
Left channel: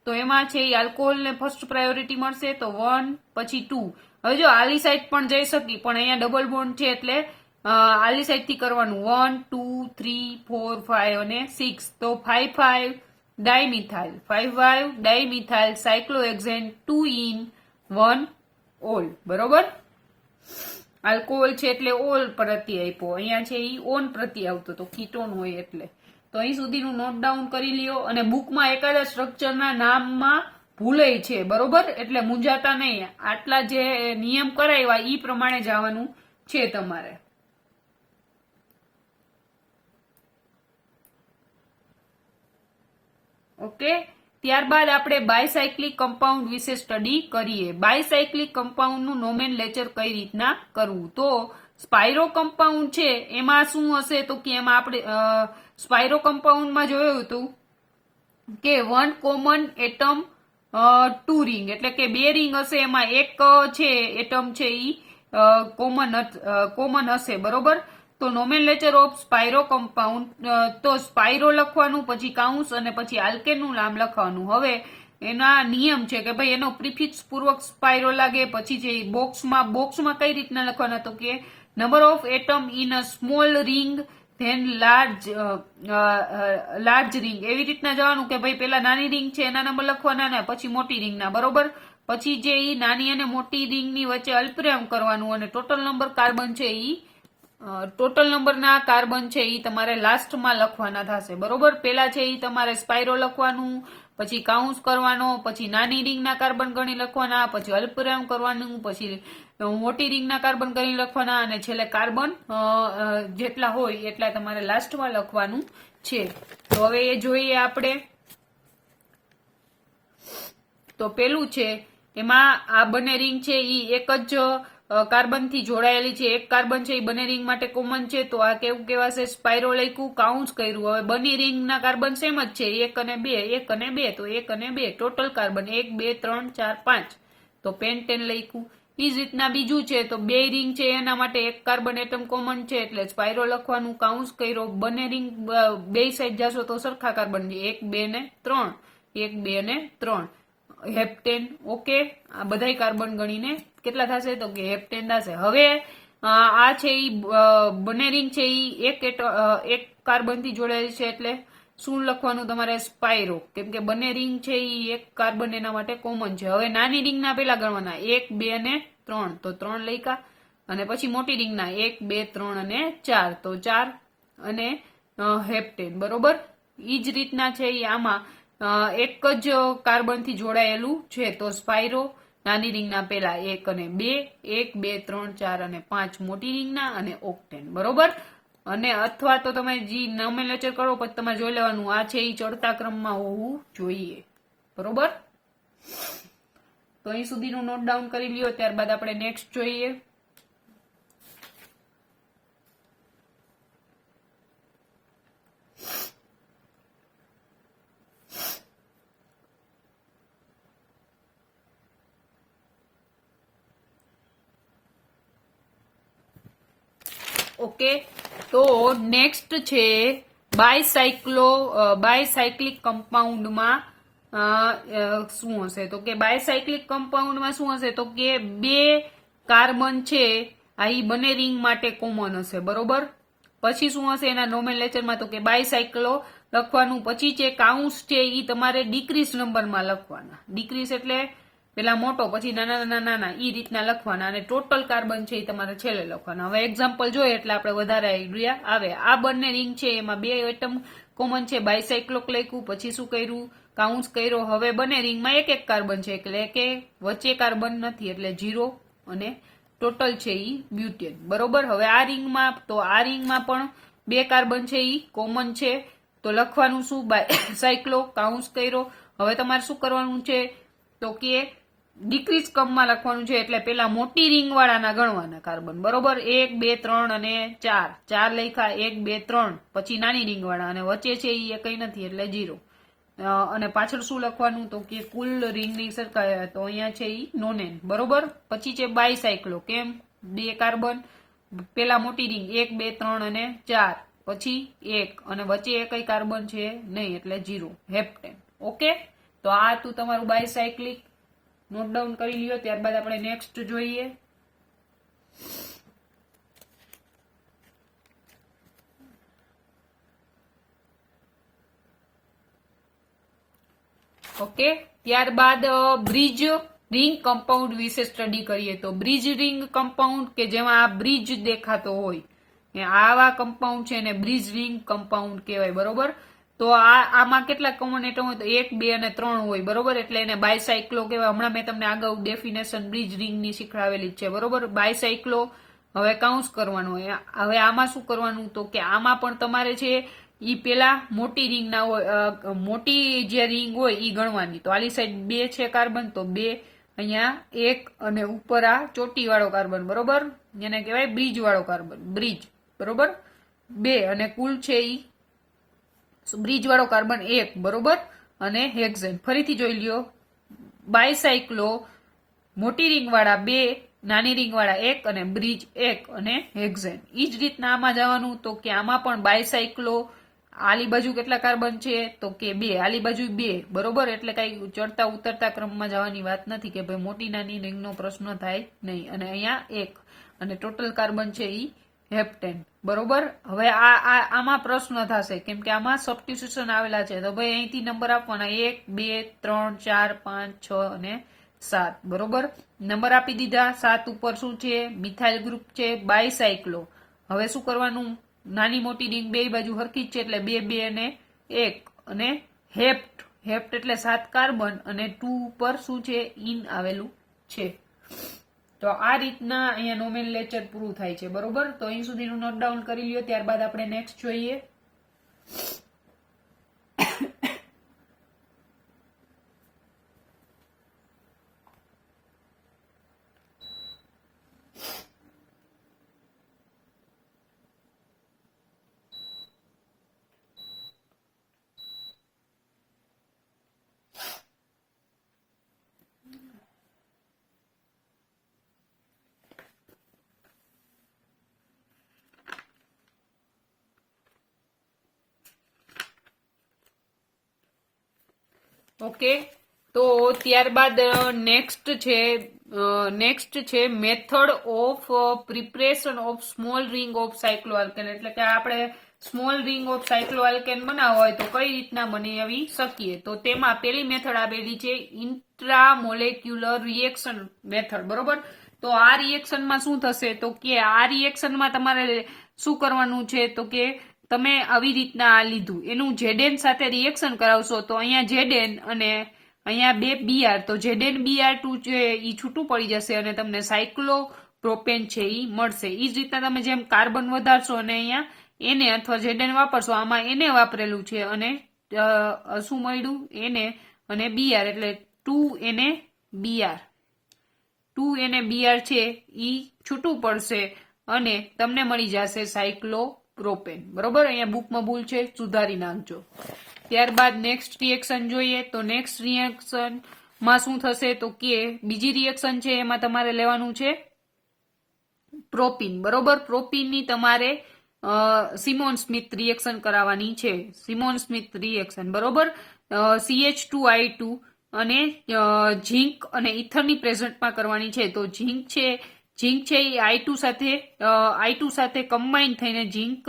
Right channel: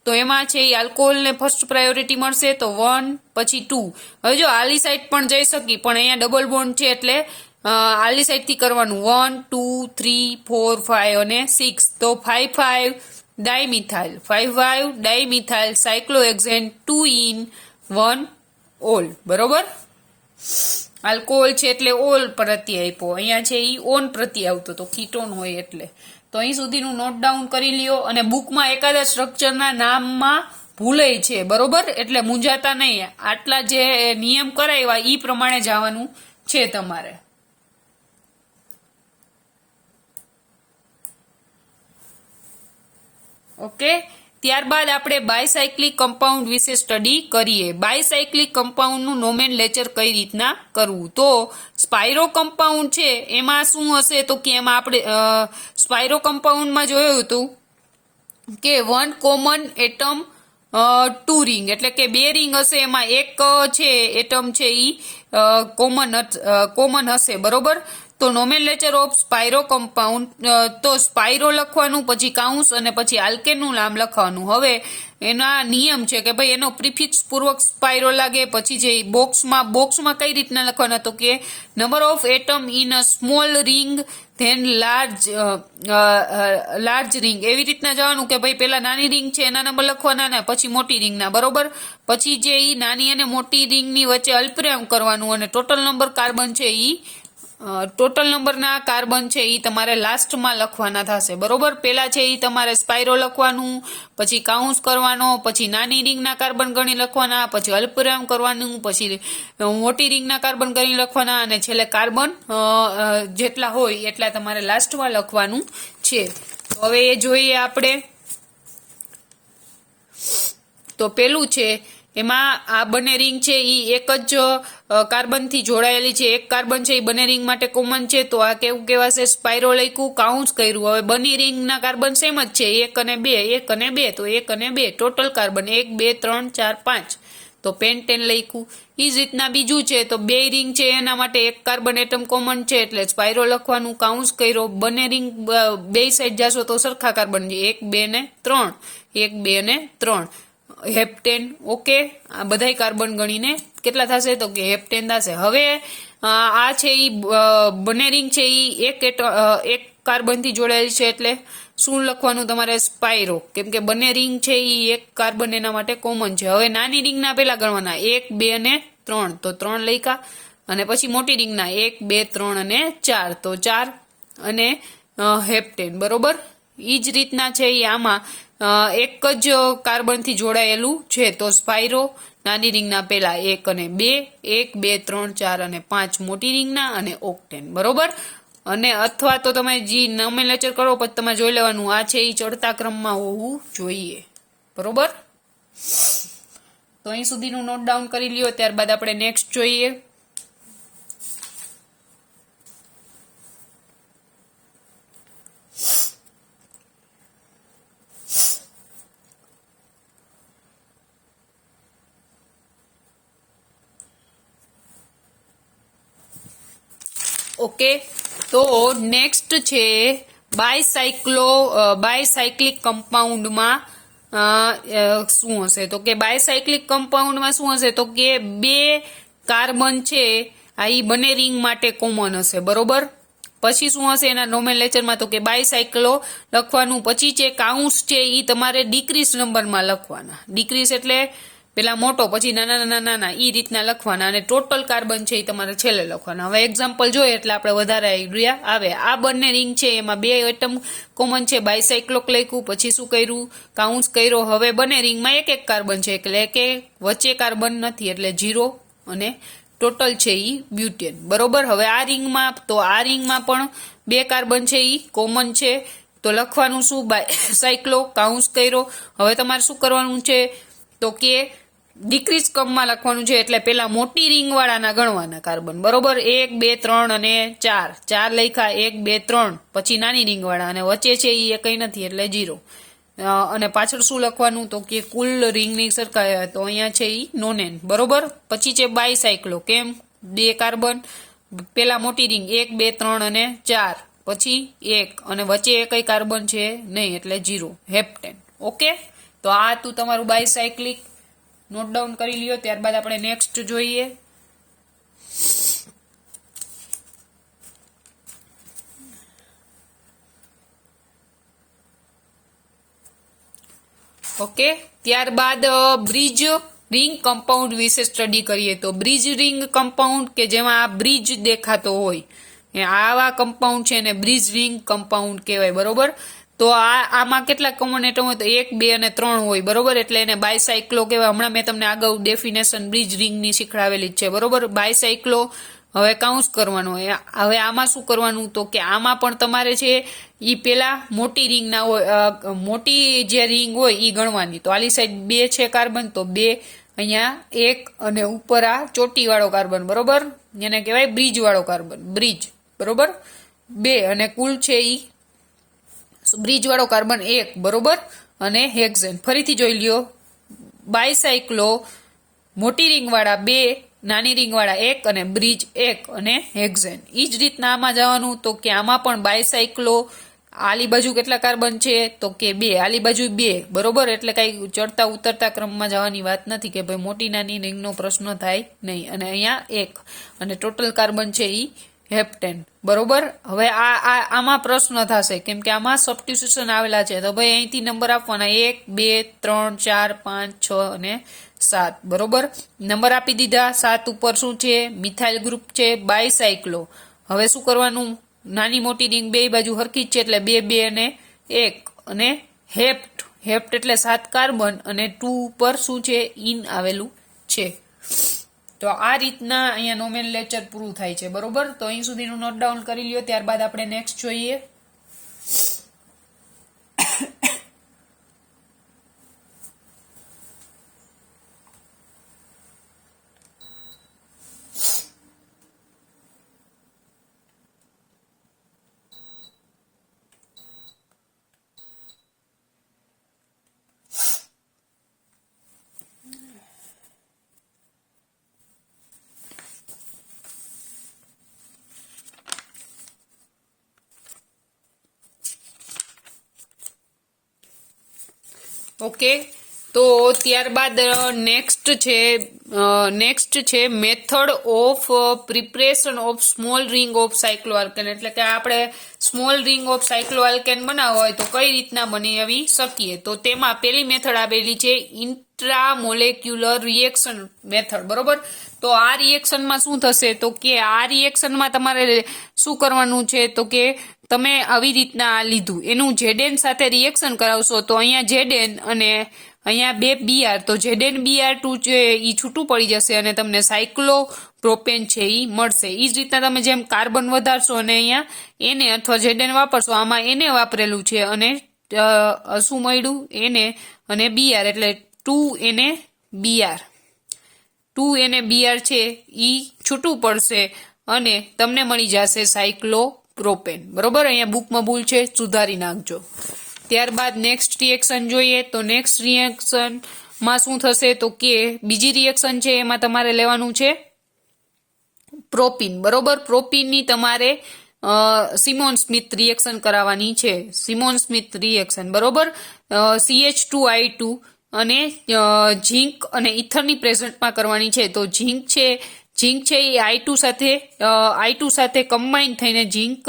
તો એમાં છે આલ્કોહોલને ફર્સ્ટ પ્રાયોરિટી મળશે તો 1 પછી 2. હવે જો આલી સાઈડ પણ જઈ શકી પણ અહીંયા ડબલ બોન્ડ છે એટલે આલી સાઈડથી કરવાનું 1, 2, 3, 4, 5 અને 6 તો 5 dimethyl 5 dimethyl cyclohexane 2 en 1 ol, બરોબર. આલ્કોહોલ છે એટલે ઓલ પ્રત્યે આપ્યો, અહીંયા છે એ ઓન પ્રત્યે આવતો તો કીટોન હોય એટલે. તો અહીં સુધીનું નોટ ડાઉન કરી લ્યો અને બુકમાં એકાદા સ્ટ્રક્ચરના નામમાં ભૂલે છે, બરોબર. એટલે મૂંઝાતા નહીં, આટલા જે નિયમ કરાવ્યા એ પ્રમાણે જવાનું છે તમારે. ઓકે, ત્યારબાદ આપણે બાયસાયક્લિક કમ્પાઉન્ડ વિશે સ્ટડી કરીએ. બાયસાયક્લિક કમ્પાઉન્ડનું નોમેનલેચર કઈ રીતના કરવું. તો સ્પાયરો કમ્પાઉન્ડ છે એમાં શું હશે તો કે એમાં આપણે સ્પાયરો કમ્પાઉન્ડમાં જોયું હતું કે 1 કોમન એટમ 2 રિંગ એટલે કે 2 રિંગ હશે, એમાં એક છે એટમ છે એ કોમન હશે, બરોબર. તો નોમેનલેચર ઓફ સ્પાયરો કમ્પાઉન્ડ તો સ્પાયરો લખવાનું પછી કાઉન્સ અને પછી આલ્કેનનું નામ લખવાનું. હવે એના નિયમ છે કે ભાઈ એનો પ્રિફિક્સ પૂર્વક સ્પાયરો લાગે પછી જે બોક્સમાં કઈ રીતના લખવાના તો કે number of atom in a small ring than large ring, એવી રીતના જવાનું કે ભાઈ પેલા નાની રિંગ છે એના નંબર લખવાના ને પછી મોટી રિંગના, બરોબર. પછી જે ઈ નાની અને મોટી રિંગની વચ્ચે અલ્પવિરામ કરવાનું અને ટોટલ નંબર કાર્બન છે ઈ ટોટલ નંબરના કાર્બન છે એ તમારે લાસ્ટમાં લખવાના થશે, બરોબર. પેલા છે એ તમારે સ્પાયરો લખવાનું, પછી કાઉન્સ કરવાનો, પછી નાની રિંગના કાર્બન ગણી લખવાના, પછી અલ્પવિરામ કરવાનું, પછી મોટી રિંગના કાર્બન ગણી લખવાના અને છેલ્લે કાર્બન જેટલા હોય એટલા તમારે લાસ્ટમાં લખવાનું છે. તો હવે એ જોઈએ આપણે. તો પેલું છે એમાં આ બંને રિંગ છે એ એક જ કાર્બનથી જોડાયેલી છે, એક કાર્બન છે એ બંને રિંગ માટે કોમન છે તો આ કેવું કહેવાશે સ્પાયરો લખ્યું, કાઉન્સ કર્યું. હવે બંને રિંગના કાર્બન સેમ જ છે 1 અને 2 1 અને 2 તો 1 અને 2 ટોટલ કાર્બન 1 2 3 4 5 તો પેન્ટેન લખ્યું. એ જ રીતના બીજું છે તો 2 રિંગ છે એના માટે એક કાર્બન એટમ કોમન છે એટલે સ્પાયરો લખવાનું, કાઉન્સ કર્યો. બંને રિંગ બે સાઈડ જાશો તો સરખા કાર્બન છે 1 2 ને 3 1 2 ને 3. હેપ્ટેન. ઓકે, આ બધાય કાર્બન ગણીને કેટલા થશે તો કે હેપ્ટેન થશે. હવે આ છે ઈ બંને રિંગ છે ઈ એક કાર્બન થી જોડાયેલી છે એટલે શું લખવાનું તમારે સ્પાયરો, કેમ કે બંને રિંગ છે ઈ એક કાર્બન એના માટે કોમન છે. હવે નાની રિંગના પેલા ગણવાના 1 2 અને 3 તો 3 લખ્યા, અને પછી મોટી રિંગના 1 2 3 અને 4 તો 4 અને હેપ્ટેન. બરોબર, ઈ જ રીતના છે ઈ આમાં એક જ કાર્બન થી જોડાયેલું છે તો સ્પાયરો નાની રિંગના પેલા 1 અને 2 1 2 3 4 અને 5 મોટી રિંગના અને ઓક્ટેન. બરોબર, અને અથવા તો તમે જે નોમેનક્લેચર કરો પછી તમે જોઈ લેવાનું આ છે એ ચડતા ક્રમમાં હોવું જોઈએ. બરોબર, તો અહીં સુધીનું નોટ ડાઉન કરી લ્યો. ત્યારબાદ આપણે નેક્સ્ટ જોઈએ. ઓકે, તો નેક્સ્ટ છે બાયસાયક્લિક કમ્પાઉન્ડમાં શું હશે તો કે બાયસાયક્લિક કમ્પાઉન્ડમાં શું હશે તો કે 2 કાર્બન છે આ ઈ બંને રિંગ માટે કોમન હશે. બરોબર, પછી શું હશે એના નોમેનક્લેચરમાં તો કે બાયસાયક્લો લખવાનું. પછી છે કાઉન્સ છે ઈ તમારે ડિક્રીઝ નંબરમાં લખવાના. ડિક્રીઝ એટલે પેલા મોટો પછી નાના નાના નાના ઈ રીતના લખવાના, અને ટોટલ કાર્બન છે એ તમારે છેલ્લે લખવાના. હવે એક્ઝામ્પલ જોઈએ એટલે આપણે વધારે આઈડિયા આવે. આ બંને રિંગ છે એમાં 2 એટમ કોમન છે, બાયસાયક્લોક લખ્યું, પછી શું કર્યું કાઉન્સ કર્યો. હવે બંને રિંગમાં એક કાર્બન છે એટલે કે વચ્ચે કાર્બન નથી એટલે 0 અને ટોટલ છે ઈ બ્યુટેન. બરોબર, હવે આ રિંગમાં પણ 2 કાર્બન છે ઈ કોમન છે તો લખવાનું શું બાયસાયક્લો કાઉન્સ કર્યો. હવે તમારે શું કરવાનું છે તો કે ડિક્રીઝ ક્રમમાં લખવાનું છે એટલે પેલા મોટી રિંગ વાળાના ગણવાના કાર્બન. બરોબર, 1 2 3 અને 4 લખ્યા 1 2 3, પછી નાની રિંગ વાળા અને વચ્ચે છે એ કઈ નથી એટલે 0. અને પાછળ શું લખવાનું તો કે કુલ રિંગની સરખા તો અહીંયા છે ઈ નોનેન. બરોબર, પછી છે બાયસાયક્લો. કેમ 2 કાર્બન, પેલા મોટી રિંગ 1 2 3 અને 4, પછી 1 અને વચ્ચે કઈ કાર્બન છે નહીં એટલે 0 હેપ્ટેન. ઓકે, તો આ તું તમારું બાયસાયક્લિક નોટ ડાઉન કરી લ્યો. ત્યારબાદ આપણે નેક્સ્ટ જોઈએ. ઓકે, ત્યારબાદ બ્રિજ રિંગ કમ્પાઉન્ડ વિશે સ્ટડી કરીએ. તો બ્રિજ રિંગ કમ્પાઉન્ડ કે જેમાં આ બ્રિજ દેખાતો હોય આવા કમ્પાઉન્ડ છે ને બ્રિજ રિંગ કમ્પાઉન્ડ કહેવાય. બરોબર, તો આમાં કેટલા કોમન એટમ હોય તો 1 2 અને 3 હોય. બરોબર, એટલે એને બાયસાયક્લો કહેવાય. હમણાં મેં તમને આગળ ડેફિનેશન બ્રિજ રિંગની શીખડાવેલી જ છે. બરોબર, બાયસાયક્લો. હવે કાઉન્સ કરવાનું. હવે આમાં શું કરવાનું તો કે આમાં પણ તમારે છે ઈ પેલા મોટી રિંગ ના હોય, મોટી જે રિંગ હોય ઈ ગણવાની. તો આલી સાઈડ 2 છે કાર્બન તો 2, અહીંયા 1 અને ઉપર આ ચોટી વાળો કાર્બન. બરોબર, જેને કહેવાય બ્રિજ વાળો કાર્બન, બ્રિજ. બરોબર, 2 અને કુલ છે ઈ બ્રિજ વાળો કાર્બન 1. બરોબર, અને હેક્ઝેન. ફરીથી જોઈ લ્યો, બાયસાયક્લો મોટી રિંગ વાળા 2, નાની રિંગ વાળા 1 અને બ્રિજ 1 અને હેક્ઝેન. ઈ જ રીતના આમાં જવાનું તો કે આમાં પણ બાયસાયક્લો આલી બાજુ કેટલા કાર્બન છે તો કે 2, આલી બાજુ 2. બરોબર, એટલે કઈ ચડતા ઉતરતા ક્રમમાં જવાની વાત નથી કે ભાઈ મોટી નાની રિંગનો પ્રશ્ન થાય નહીં. અને અહીંયા 1 અને ટોટલ કાર્બન છે ઈ હેપ્ટેન. બરોબર, હવે આમાં પ્રશ્ન થશે કેમ કે આમાં સબસ્ટિટ્યુશન આવેલા છે તો ભાઈ અહીંથી નંબર આપવાના 1 2 3 4 5 6 અને 7. બરોબર, નંબર આપી દીધા. 7 ઉપર શું છે મિથાઇલ ગ્રુપ છે બાયસાયક્લો. હવે શું કરવાનું, નાની મોટી રિંગ બે બાજુ હરખી જ છે એટલે 2 2 અને 1 અને હેપ્ટ એટલે 7 કાર્બન અને 2 ઉપર શું છે ઇન આવેલું છે. તો આ રીતના અહીંયા નોમેનક્લેચર પૂરું થાય છે. બરોબર, તો અહીં સુધીનું નોટ ડાઉન કરી લ્યો. ત્યારબાદ આપણે નેક્સ્ટ જોઈએ. ઓકે, તો ત્યારબાદ નેક્સ્ટ છે method of preparation of small ring of cycloalkane, એટલે કે આપણે સ્મોલ રિંગ ઓફ સાયક્લોઆલ્કેન બનાવવા હોય તો કઈ રીતના બનાવી શકીએ. તો તેમાં પેલી મેથડ આપેલી છે ઇન્ટ્રામોલેક્યુલર રિએક્શન મેથડ, બરોબર. તો આ રિએક્શનમાં શું થશે તો કે આ રિએક્શનમાં તમારે શું કરવાનું છે તો કે તમે આવી રીતના આ લીધું એનું ઝેડએન સાથે રિએક્શન કરાવશો તો અહીંયા ઝેડએન અને અહીંયા બે બીઆર, તો ઝેડએન બીઆર2 છે એ છૂટું પડી જશે અને તમને સાયક્લો પ્રોપેન છે એ મળશે. એ જ રીતના તમે જેમ કાર્બન વધારશો અને અહીંયા એને અથવા ઝેડએન વાપરશો, આમાં એને વાપરેલું છે અને શું મળ્યું એને અને બીઆર, એટલે 2NaBr છે એ છૂટું પડશે અને તમને મળી જશે સાયક્લોપ્રોપેન, બરોબર. અહીંયા બુકમાં ભૂલ છે, સુધારી નાખજો. ત્યારબાદ નેક્સ્ટ રિએક્શન જોઈએ. તો નેક્સ્ટ રિએક્શનમાં શું થશે તો કે બીજી રિએક્શન છે એમાં તમારે લેવાનું છે પ્રોપીન, બરોબર. પ્રોપીનની તમારે સિમોન સ્મિથ રિએક્શન કરાવવાની છે, સિમોન સ્મિથ રિએક્શન, બરોબર. CH2I2 અને ઝીંક અને ઇથરની પ્રેઝન્ટમાં કરવાની છે. તો ઝીંક છે એ I2 સાથે કમ્બાઈન થઈને ઝીંક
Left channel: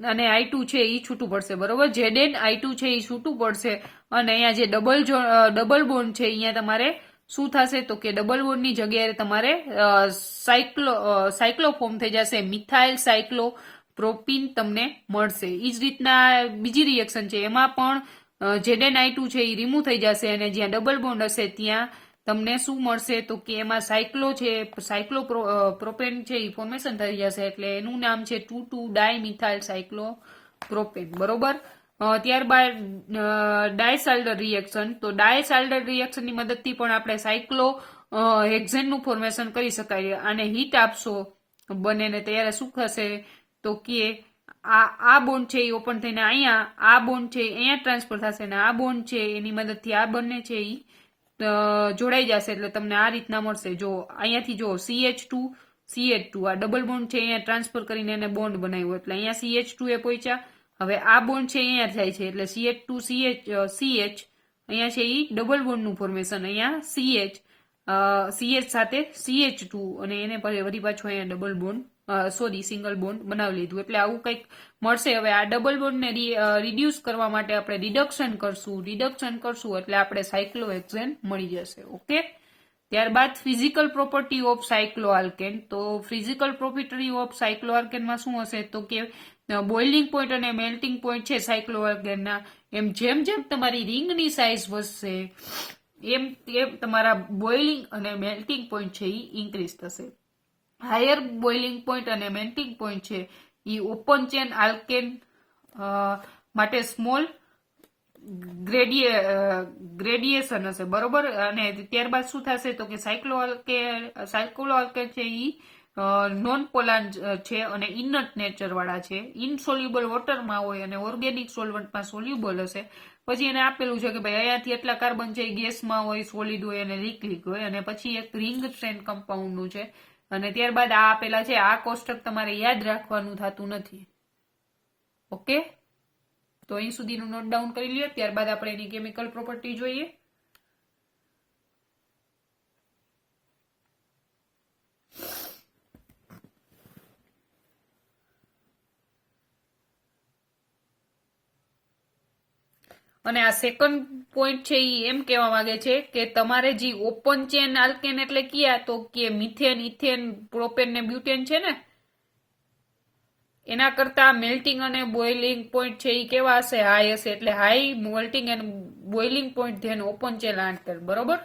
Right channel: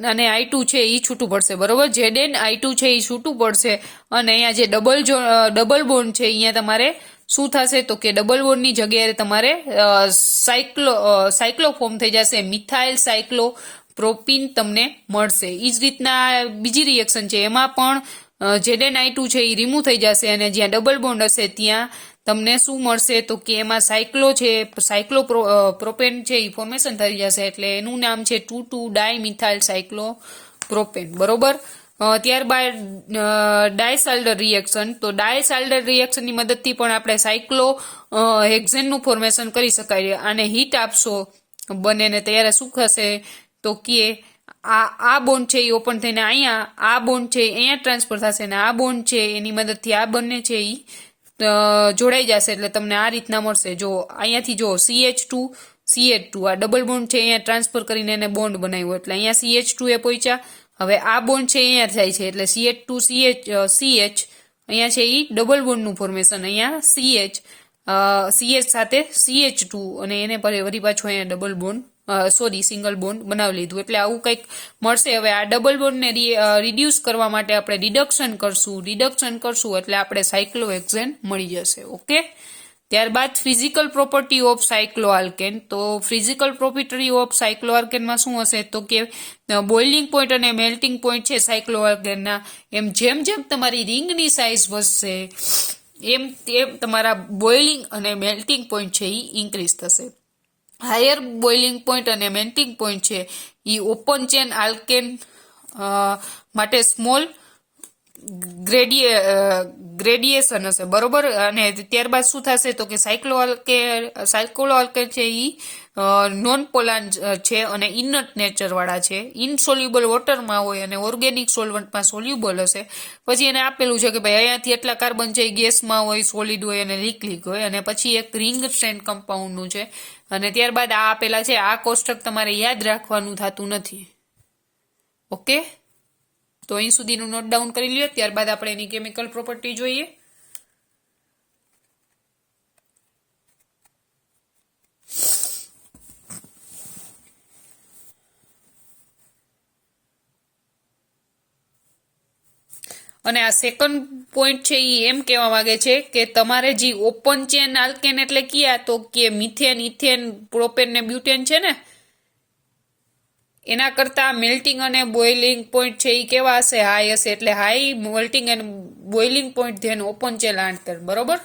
અને I2 છે એ છૂટું પડશે, બરોબર. ઝેડએન I2 છે એ છૂટું પડશે અને અહીંયા જે ડબલ બોન્ડ છે અહીંયા તમારે શું થશે તો કે ડબલ બોન્ડની જગ્યાએ તમારે સાયક્લો ફોર્મ થઈ જશે, મિથાઇલ સાયક્લોપ્રોપીન તમને મળશે. એ જ રીતના બીજી રિએક્શન છે એમાં પણ ઝેડએન I2 છે એ રિમૂવ થઈ જશે અને જ્યાં ડબલ બોન્ડ હશે ત્યાં તમને શું મળશે તો કે એમાં સાયક્લોપ્રોપેન છે એ ફોર્મેશન થઈ જશે, એટલે એનું નામ છે 2,2-ડાયમિથાઇલ સાયક્લોપ્રોપેન, બરોબર. ત્યારબાદ ડાયસાલ્ડર રિએક્શન. તો ડાયસાલ્ડર રિએક્શનની મદદથી પણ આપણે હેક્ઝેનનું ફોર્મેશન કરી શકાય. અને હીટ આપશો બંનેને ત્યારે શું થશે તો કે આ બોન્ડ છે એ ઓપન થઈને અહીંયા આ બોન્ડ છે અહીંયા ટ્રાન્સફર થશે અને આ બોન્ડ છે એની મદદથી આ બંને છે એ જોડાઈ જશે, એટલે તમને આ રીતના મળશે. જો અહીંયાથી જો CH2 આ ડબલ બોન્ડ છે અહીંયા ટ્રાન્સફર કરીને એને બોન્ડ બનાવ્યો, એટલે અહીંયા CH2 એ પહોંચ્યા. હવે આ બોન્ડ છે અહીંયા થાય છે એટલે CH2CH અહીંયા છે એ ડબલ બોન્ડનું ફોર્મેશન, અહીંયા CH સાથે CH2 અને એને વળી પાછું અહીંયા ડબલ બોન્ડ સિંગલ બોન્ડ બનાવી લીધું, એટલે આવું કંઈક મળશે. હવે આ ડબલ બોન્ડને રિડ્યુસ કરવા માટે આપણે રિડક્શન કરશું એટલે આપણે સાયક્લોહેક્ઝેન મળી જશે, ઓકે. ત્યારબાદ ફિઝિકલ પ્રોપર્ટી ઓફ સાયક્લોઆલ્કેન. તો ફિઝિકલ પ્રોપર્ટી ઓફ સાયક્લોઆલ્કેનમાં શું હશે તો કે બોઇલિંગ પોઈન્ટ અને મેલ્ટિંગ પોઈન્ટ છે સાયક્લોઆલ્કેનના, જેમ તમારી રિંગની સાઇઝ વધશે એમ તમારા બોઇલિંગ અને મેલ્ટિંગ પોઈન્ટ છે એ ઇન્ક્રીઝ થશે. હાયર બોઇલિંગ પોઈન્ટ અને મેલ્ટિંગ પોઈન્ટ છે એ ઓપન ચેન આલ્કેન માટે સ્મોલ ગ્રેડિયેશન હશે, બરોબર. અને ત્યારબાદ શું થશે તો કે સાયક્લોઆલ્કેન છે એ નોન પોલાર છે અને ઇનટ નેચર વાળા છે, ઇનસોલ્યુબલ વોટરમાં હોય અને ઓર્ગેનિક સોલ્વન્ટમાં સોલ્યુબલ હશે. પછી એને આપેલું છે કે ભાઈ અહીંયાથી એટલા કાર્બન છે ગેસમાં હોય, સોલિડ હોય અને લિક્વિડ હોય, અને પછી એક રિંગ સ્ટ્રેન્ડ કમ્પાઉન્ડનું છે. અને ત્યારબાદ આ આપેલા છે, આ કોષ્ટક તમારે યાદ રાખવાનું થતું નથી, ઓકે. તો અહીં સુધીનું નોટ ડાઉન કરી લ્યો. ત્યારબાદ આપણે એની કેમિકલ પ્રોપર્ટી જોઈએ. અને આ સેકન્ડ પોઈન્ટ છે એ એમ કહેવા માંગે છે કે તમારે જે ઓપન ચેન આલ્કેન એટલે કયા તો કે મિથેન, ઇથેન, પ્રોપેન ને બ્યુટેન છે ને, એના કરતા મેલ્ટિંગ અને બોઇલિંગ પોઈન્ટ છે એ કેવા હશે, હાઈ હશે. એટલે high melting and boiling point than open chain alkane, બરોબર.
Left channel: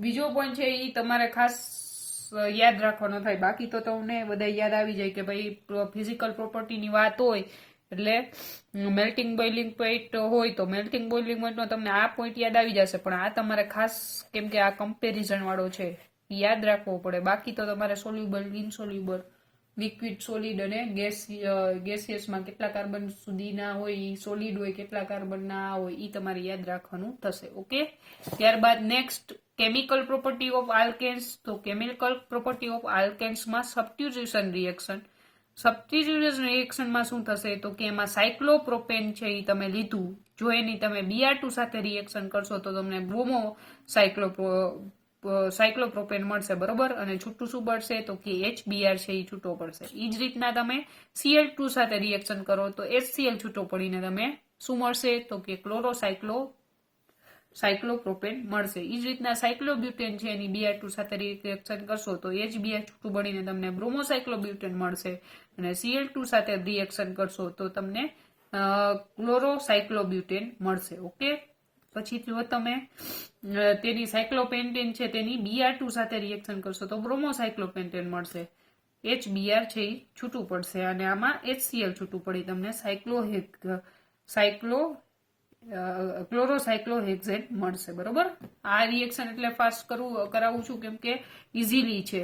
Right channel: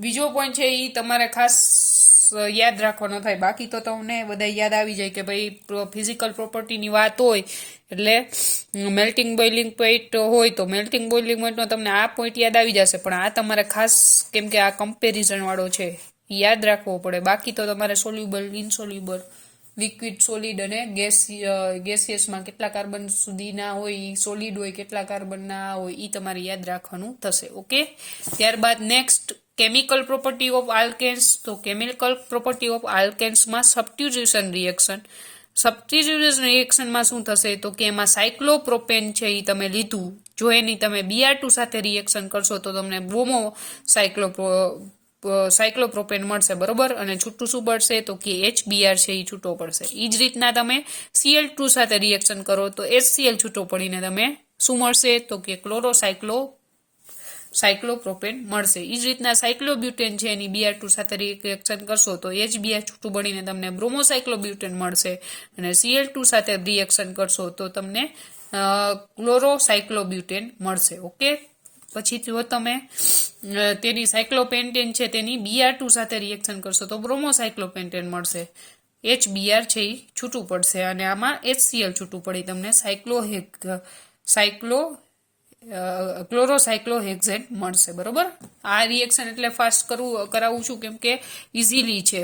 બીજો પોઈન્ટ છે એ તમારે ખાસ યાદ રાખવાનો થાય, બાકી તો તમને બધા યાદ આવી જાય કે ભાઈ ફિઝિકલ પ્રોપર્ટીની વાત હોય એટલે મેલ્ટિંગ બોઇલિંગ પોઈન્ટ હોય તો મેલ્ટિંગ બોઇલિંગ પોઈન્ટનો તમને આ પોઈન્ટ યાદ આવી જશે, પણ આ તમારે ખાસ કેમ કે આ કમ્પેરિઝન વાળો છે યાદ રાખવો પડે. બાકી તો તમારે સોલ્યુબલ, ઇનસોલ્યુબલ, લિક્વિડ, સોલિડ અને ગેસિયસમાં કેટલા કાર્બન સુધીના હોય, સોલિડ હોય કેટલા કાર્બનના હોય એ તમારે યાદ રાખવાનું થશે, ઓકે. ત્યારબાદ next chemical property of alkanes. તો કેમિકલ પ્રોપર્ટી ઓફ આલ્કેન્સમાં સબસ્ટિટ્યુશન રિએક્શન. સબસ્ટિટ્યુશન રિએક્શનમાં શું થશે તો કે એમાં સાયક્લોપ્રોપેન છે એ તમે લીધું, જો એની તમે Br2 સાથે રિએક્શન કરશો તો તમને બ્રોમો સાયક્લોપ્રોપેન મળશે, બરોબર. અને છૂટું શું પડશે તો કે HBr છે એ છૂટો પડશે. એ જ રીતના તમે Cl2 સાથે રિએક્શન કરો તો HCl છૂટો પડીને તમે શું મળશે તો કે સાયક્લોપ્રોપેન મળશે. એ જ રીતના સાયક્લોબ્યુટેન છે એની Br2 સાથે રિએક્શન કરશો તો HBr છૂટું પડીને તમને બ્રોમોસાયક્લોબ્યુટેન મળશે, અને Cl2 સાથે રિએક્શન કરશો તો તમને ક્લોરોસાયક્લોબ્યુટેન મળશે. ઓકે. પછી જો તમે તેની સાયક્લોપેન્ટેન છે તેની Br2 સાથે રિએક્શન કરશો તો બ્રોમોસાયક્લોપેન્ટેન મળશે. HBr છે એ છૂટું પડશે અને આમાં HCl છૂટું પડી તમને ક્લોરોસાયક્લોહેક્ઝેન મળશે, બરોબર. આ રિએક્શન એટલે ફાસ્ટ કરાવું છું કેમ કે ઇઝીલી છે.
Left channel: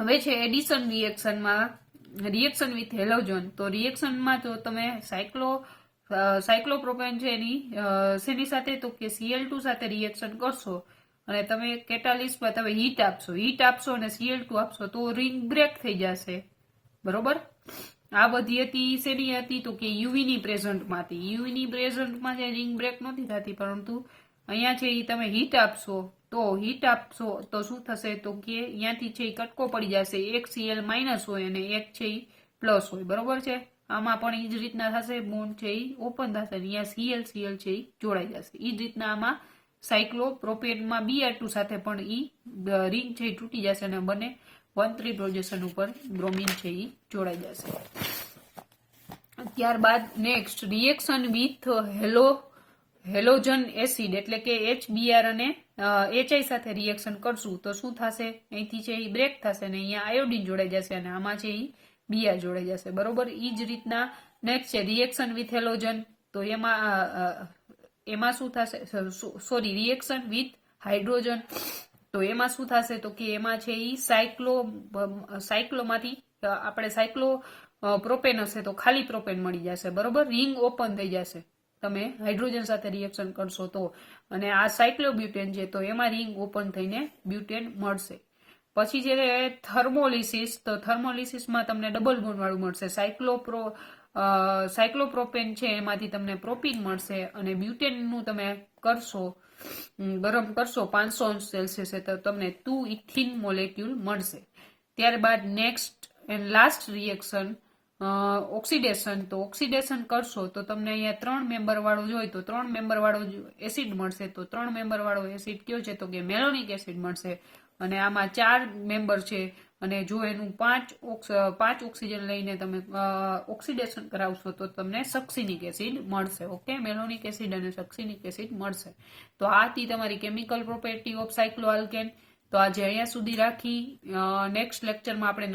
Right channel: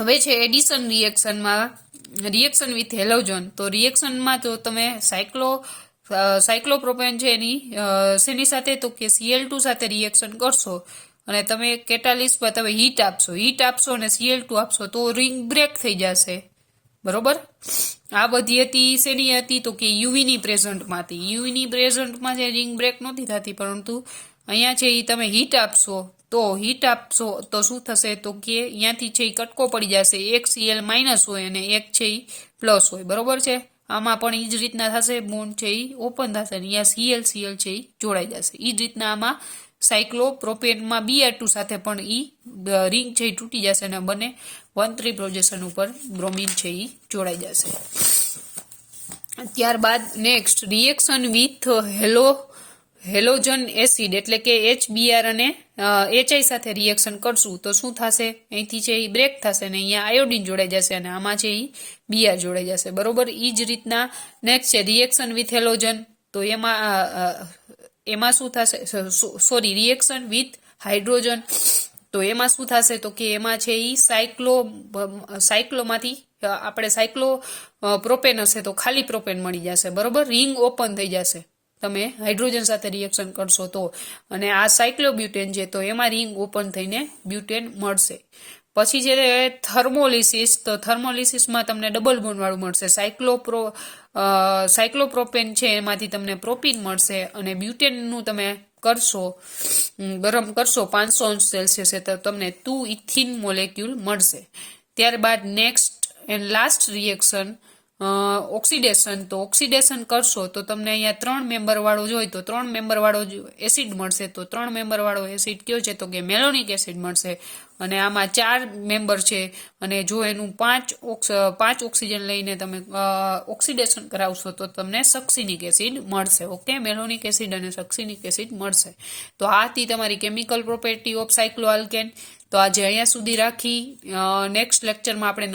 હવે છે એડિશન રિએક્શનમાં રિએક્શન વિથ હેલોજન. તો રિએક્શનમાં તો તમે સાયક્લોપ્રોપેન છે એની શેની સાથે તો કે Cl2 સાથે રિએક્શન કરશો અને તમે કેટાલિસ્ટમાં તમે હીટ આપશો અને Cl2 આપશો તો રિંગ બ્રેક થઈ જશે, બરોબર. આ બધી હતી શેની હતી તો કે યુવીની પ્રેઝન્ટમાં હતી. યુવીની પ્રેઝન્ટમાં જે રિંગ બ્રેક નહોતી થતી, પરંતુ અહીંયા છે એ તમે હીટ આપશો તો શું થશે તો કે અહીંયાથી છે એ કટકો પડી જશે, એક Cl માઇનસ હોય અને એક છે એ પ્લસ હોય, બરોબર છે. આમાં પણ એ જ રીતના થશે, બોન્ડ છે એ ઓપન થશે અને અહીંયા Cl છે એ જોડાઈ જશે. એ જ રીતના આમાં સાયક્લોપ્રોપેનમાં Br2 સાથે પણ રિંગ છે એ તૂટી જશે અને બંને 1,3 પ્રોજેક્શન ઉપર બ્રોમિન છે એ જોડાઈ જશે. ત્યારબાદ next reaction with halogen acid એટલે કે HBr અને HI સાથે રિએક્શન કરશું તો શું થશે, અહીંથી છે એ બ્રેક થશે અને અહીંયા આયોડિન જોડાઈ જશે અને આમાં છે એ Br જોડાઈ જશે, બરોબર. એ જ રીતના નેક્સ્ટ છે રિએક્શન વિથ હેલોજન. તો એમાં શું થશે, સોરી, રિએક્શન વિથ હાઇડ્રોજન. તો એમાં શું થશે તો કે એમાં છે એ સાયક્લોમાંથી આપણે સાયક્લોપ્રોપેન હશે તો ખાલી પ્રોપેન મળી જશે, બરોબર. રિંગ ઓપન થઈ જશે તમે હાઇડ્રોજન સાથે રિએક્શન કરશો તો, અને આ સાયક્લોબ્યુટેન છે તો એમાં રિંગ ઓપન થઈને બ્યુટેન મળશે. પછી છે થર્મોલિસિસ. તો થર્મોલિસિસમાં તમને ડબલ બોન્ડ વાળું મળશે. સાયક્લોપ્રોપેન છે એમાંથી તમને પ્રોપીન મળશે અને બ્યુટેનનું તમે ગરમ કરશો 500 સેલ્સિયસે તો તમને 2 ઇથિન મોલેક્યુલ મળશે. ત્યારબાદ next and last reaction oxidation. તો ઓક્સિડેશન કરશો તો તમને અહીંયા 3 મેમ્બર વાળો જોઈએ તો 3 મેમ્બર વાળો એસિડ મળશે. તો 3 મેમ્બર વાળો એસિડ કયો છે તો કે મેલોનિક એસિડ મળશે, અને આમાં 4 મેમ્બર છે અને જો એનું 5 ઓક્સિજન લઈને તમે ઓક્સિડેશન કરાવશો તો તમને સક્સિનિક એસિડ મળશે. ઓકે, મેલોનિક એસિડ અને સક્સિનિક એસિડ મળશે. તો આ હતી તમારી કેમિકલ પ્રોપર્ટી ઓફ સાયક્લોઆલ્કેન. તો આજે અહીંયા સુધી રાખી. નેક્સ્ટ લેક્ચરમાં આપણે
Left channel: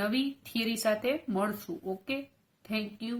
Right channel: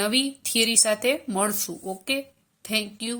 નવી થિયરી સાથે મળશું. Okay, thank you.